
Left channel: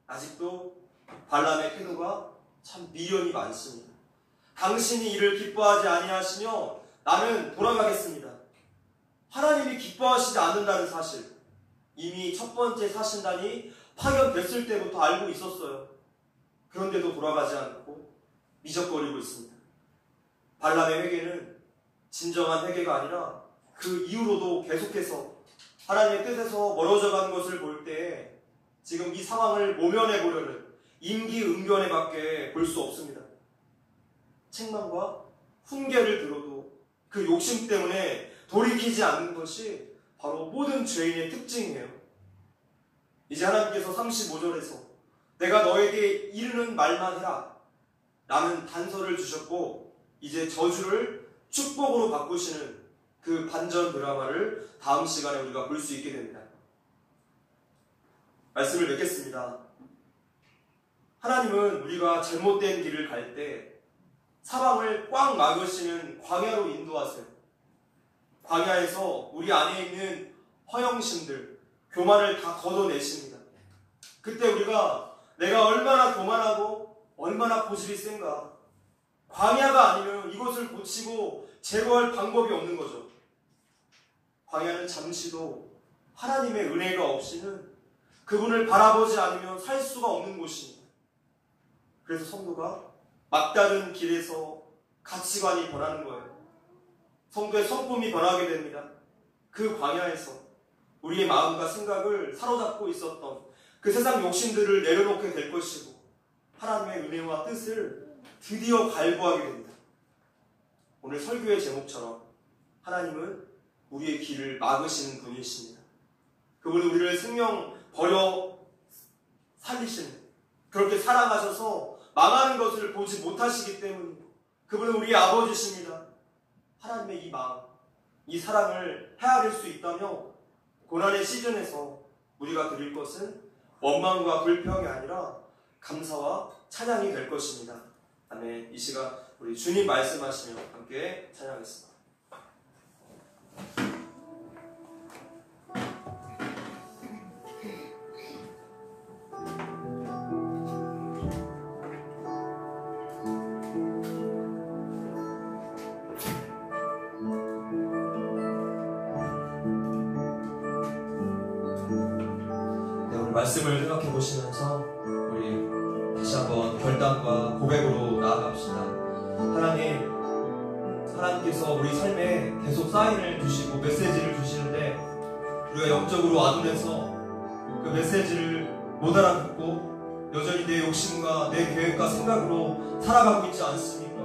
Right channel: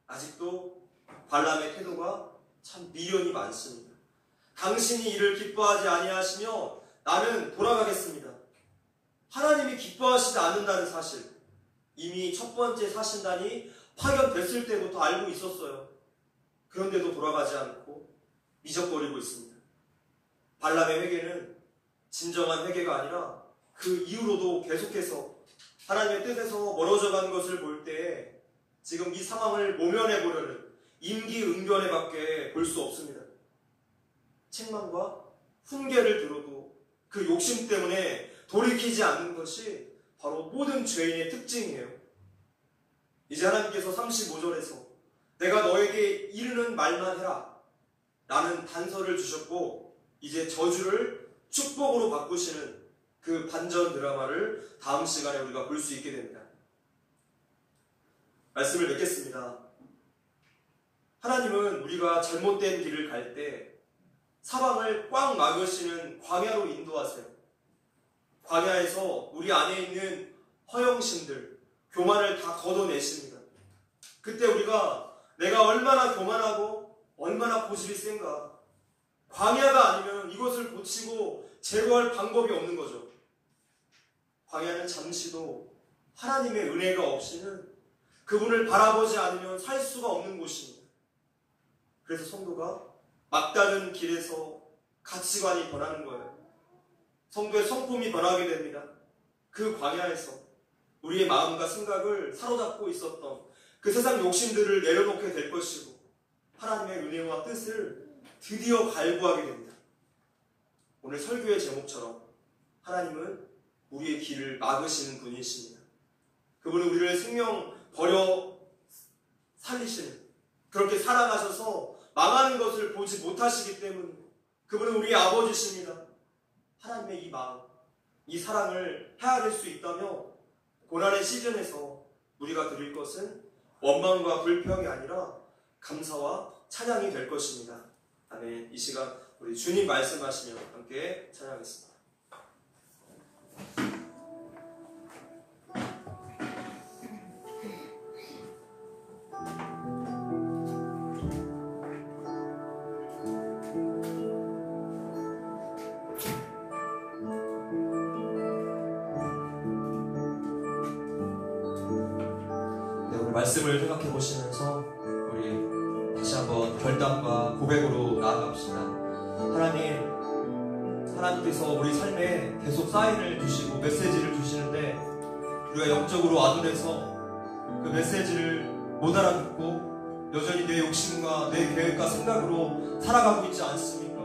아직도 발람의 태도가 참 미련이 많습니다. 당신이 이를 기뻐하지 아니하시면 나는 돌아가겠습니다. 하나님이 기뻐하시지 않는다는 사실, 이미 첫 번째 사신단이 파견됐을 때부터 알고 있었어요. 그런데도 돌아가지 않고 미적거리고 있습니다. 발람의 회개는 진정한 회개가 아니라 그 이후로도 계속해서 하나님의 뜻에서 멀어져가는 것을 볼 때 지금 이 상황을 모면해 보려는 임기응변에 밖에 볼 수 없습니다. 책망과 훈계를 들어도 그 욕심 때문에 돌이키지 않는 것이 바로 모든 죄인의 특징이에요. 이제 하나님께서 35절에서 내가 너에게 이르는 말만 해라 라는 단서를 주셨고, 이제 저주를 축복으로 바꾸시는 그 반전 드라마를 다음 시간에 우리가 볼 수 있게 됩니다. 말씀을 맺겠습니다. 하나님은 우리가 잘못된 길을 갈 때 사방을 꽉 막으시는 광야로 인도하세요. 광야에서 우리 안에 있는 허영심들, 교만을 다 걷어내십니다. 그때 우리가 내가 얼마나 교만하고 얼마나 고집이 센가, 광야가 아니면 이것을 고치고 제거할 방법이 없는 거죠. 광야는 잠시도 하나님의 은혜가 없이는 그분을 바라보지 않으면 살 수가 없는 곳입니다. 그래서 성도가 막다른 길에서 가치관이 변하는 거예요. 성도의 성품이 변하게 됩니다. 그 광야에서 우리의 마음과 생각을 사로잡고 있었던 그 세상 욕심들을 내려놓게 될 것이고, 하나님의 은혜와 뜻을 드디어 갈구하게 됩니다. 오늘 설교의 제목처럼 하나님은 우리의 길을 막으시는 분이십니다. 그분은 우리를 생명 버려 살리시는, 그렇게 사랑하셔서 망하는 것을 보지 못하시기 때문에 그분은 우리의 아버지십니다. 하나님의 이 마음, 이 사랑을 헤아릴 수 있다며 고난의 시즌에서 우리가 드릴 것은 원망과 불평이 아니라 감사와 찬양이 될 것입니다. 아멘. 이 시간 우리 주님 말씀하시며 함께 찬양하겠습니다. 말씀을 생각해 보시면서 우리 다시 한번 결단과 고백으로 나아갑시다. 하나님께서 우리 삶에 계속 사인을 주시고 메시지를 주시는데 우리가 영적으로 아둔해서 그 메시지를 못 알아듣고 여전히 내 욕심과 내 계획과 생각으로 살아가고 있지 않습니까?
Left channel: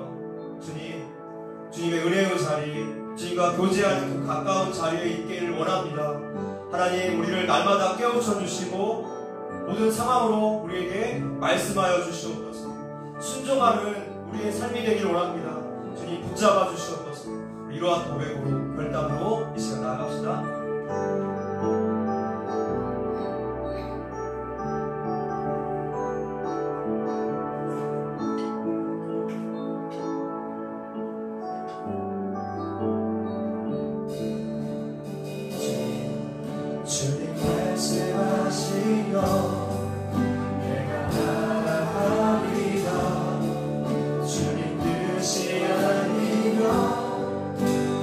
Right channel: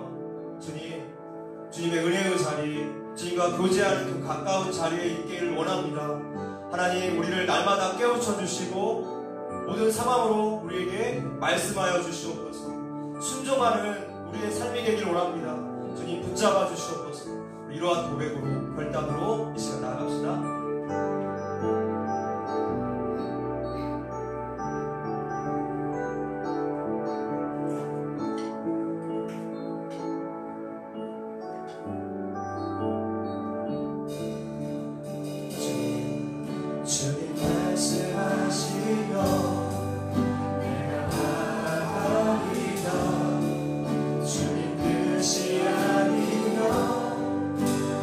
주님의 은혜의 자리, 주님과 교제하는 그 가까운 자리에 있기를 원합니다. 하나님, 우리를 날마다 깨우쳐 주시고 모든 상황으로 우리에게 말씀하여 주시옵소서. 순종하는 우리의 삶이 되길 원합니다. 주님 붙잡아 주시옵소서. 이러한 고백으로, 결단으로 이 시간 나아갑시다.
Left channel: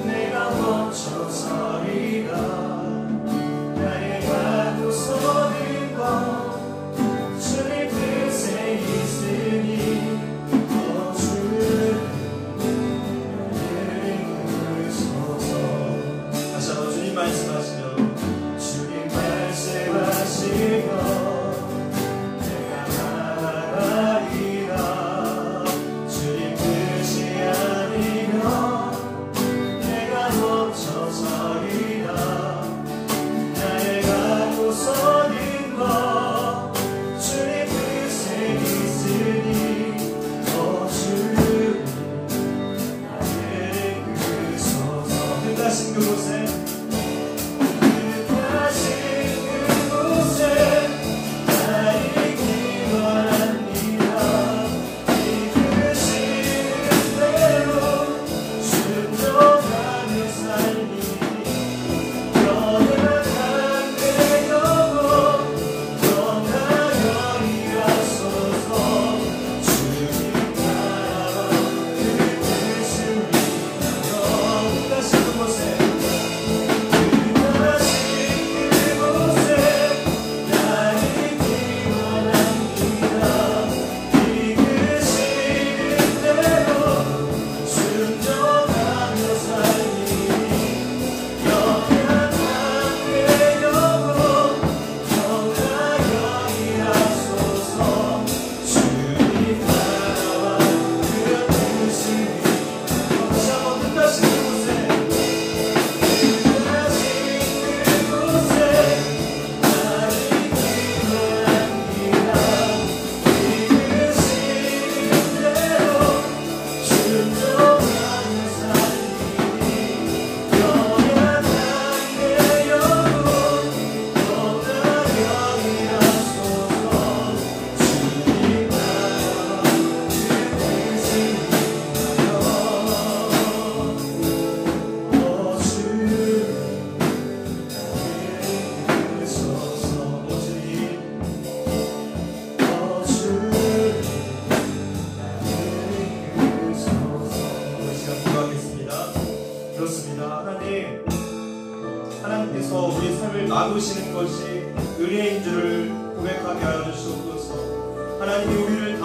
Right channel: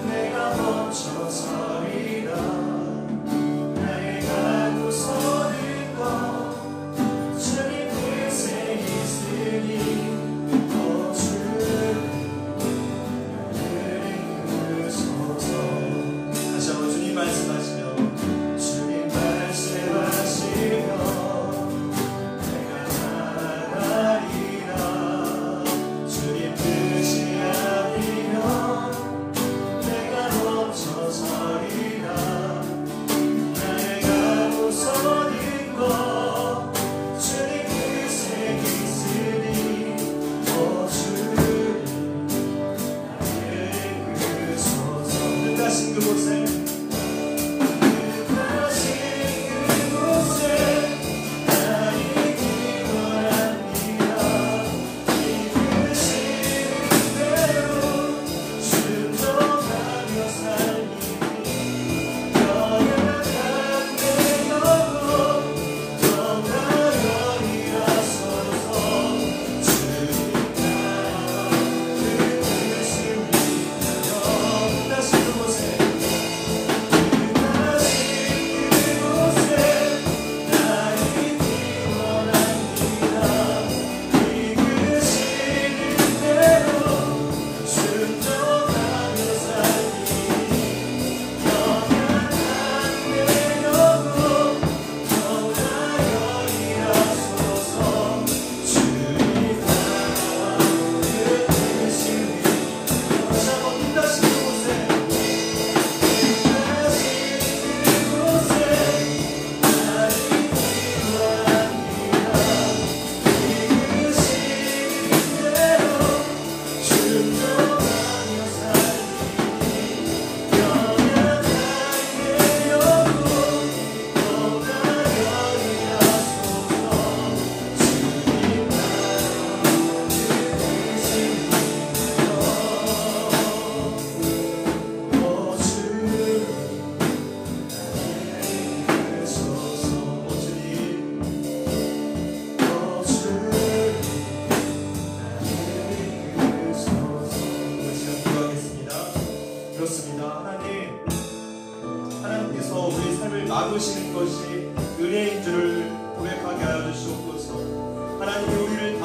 내가 멈춰서리라.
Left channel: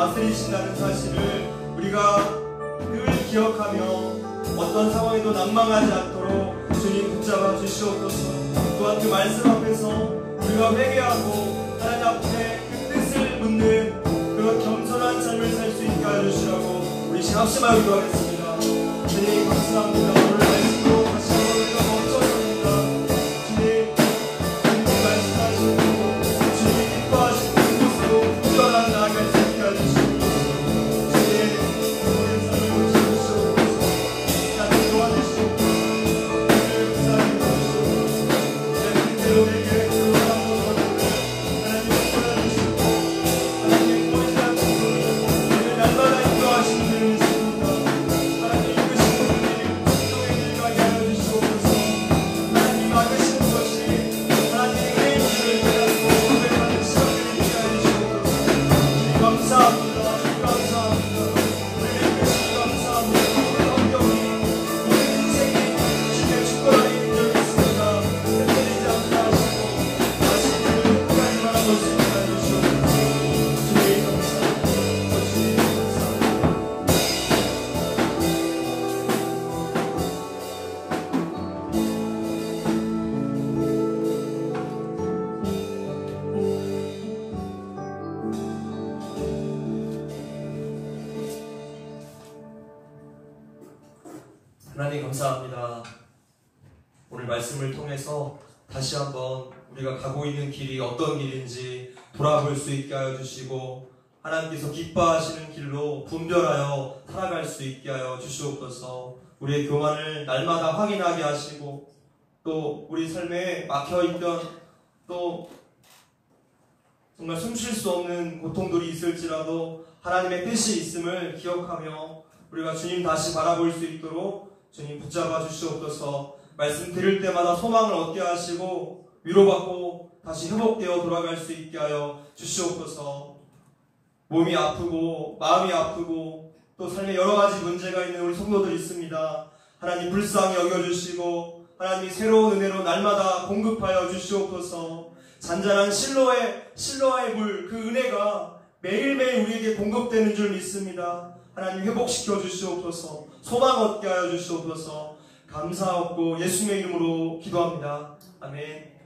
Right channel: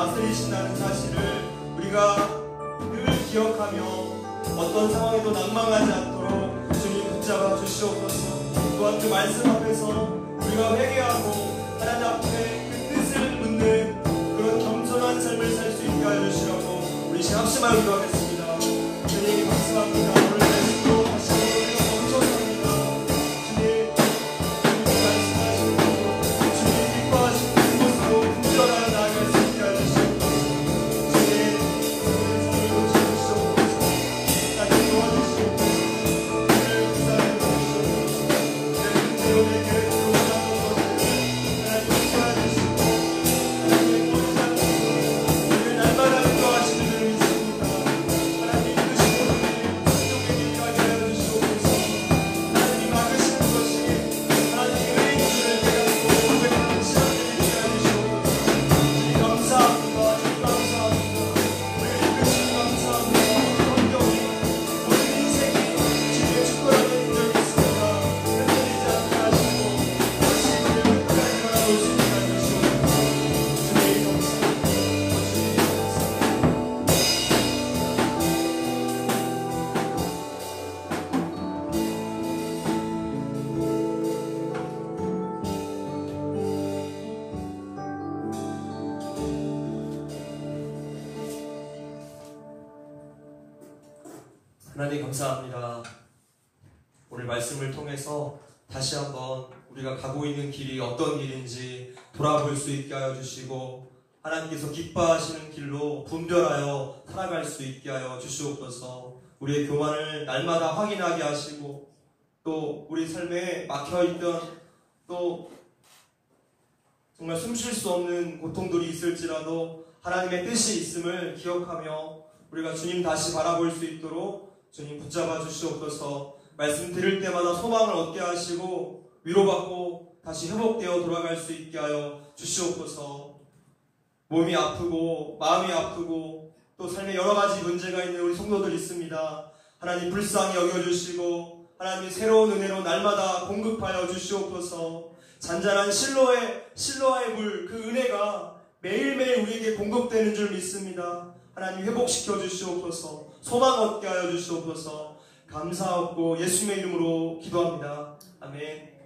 다스리신다는 사실을 우리가 늘 기억하며 어떤 상황에도 난망하지 않도록 주님 붙잡아 주시옵소서. 또한 그 말씀 앞에서 우리가 회개하고 하나님 앞에 그 뜻을 묻는 그런 겸손한 삶을 살 수 있게 해주시라고 우리 합심하여 기도하겠습니다. 주님 감사합니다. 오늘 말씀으로 다시 한번 우리가 멈춰섭니다. 주님 말씀하시는 대로 주님이 기뻐하시는 그곳으로 분별하여 나아갈 수 있게 해주시옵소서. 주님 우리의 삶을 고쳐주시옵소서. 나를 도와주시옵소서. 우리를 구사해 주시옵소서. 내 문제로 내 계획으로 한번 하나님 도와주시옵소서. 하나님 모든 우리를 날마다 인도하시는 일이십니다. 하나님 이끄시는 우리를 구속의 길을 가게 하여 주시옵소서. 하나님 막으시는 것이 하나님의 은혜인 줄을 깨닫고 고백하는 시간을 있게 하여 주시옵소서. 주님 감사합니다. 주님 감사합니다. 우리를 이끄시니 감사합니다. 우리 환경이 우리 인생이 주님의 축복 안에 있는 줄 믿습니다. 흔들리지 않게 하시고 다시 우리를 끝까지 바라볼 수 있게 하여 주시옵소서. 주님 감사합니다. 주님 감사합니다. 하나님 감사합니다. 오늘 말씀을 통해서 다시 한번 우리가 가고 있는 길이 어떤 길인지 돌아볼 수 있게 하여 주시고 하나님께서 기뻐하시는 길로 분별하여 살아갈 수 있게 하여 주시옵소서. 우리의 교만을 날마다 확인하게 하시고 또 우리 삶에 막혀있던 또 정말 숨 쉴 수 없는 고통들이 있을지라도 하나님의 뜻이 있음을 기억하며 우리가 주님 다시 바라볼 수 있도록 주님 붙잡아 주시옵소서. 말씀 들을 때마다 소망을 얻게 하시고 위로받고 다시 회복되어 돌아갈 수 있게 하여 주시옵소서. 몸이 아프고 마음이 아프고 또 삶에 여러 가지 문제가 있는 우리 성도들 있습니다. 하나님 불쌍히 여겨주시고 하나님이 새로운 은혜로 날마다 공급하여 주시옵소서. 잔잔한 실로와의 물, 그 은혜가 매일매일 우리에게 공급되는 줄 믿습니다. 하나님 회복시켜 주시옵소서. 소망 얻게 하여 주시옵소서. 감사하고 예수님의 이름으로 기도합니다. 아멘.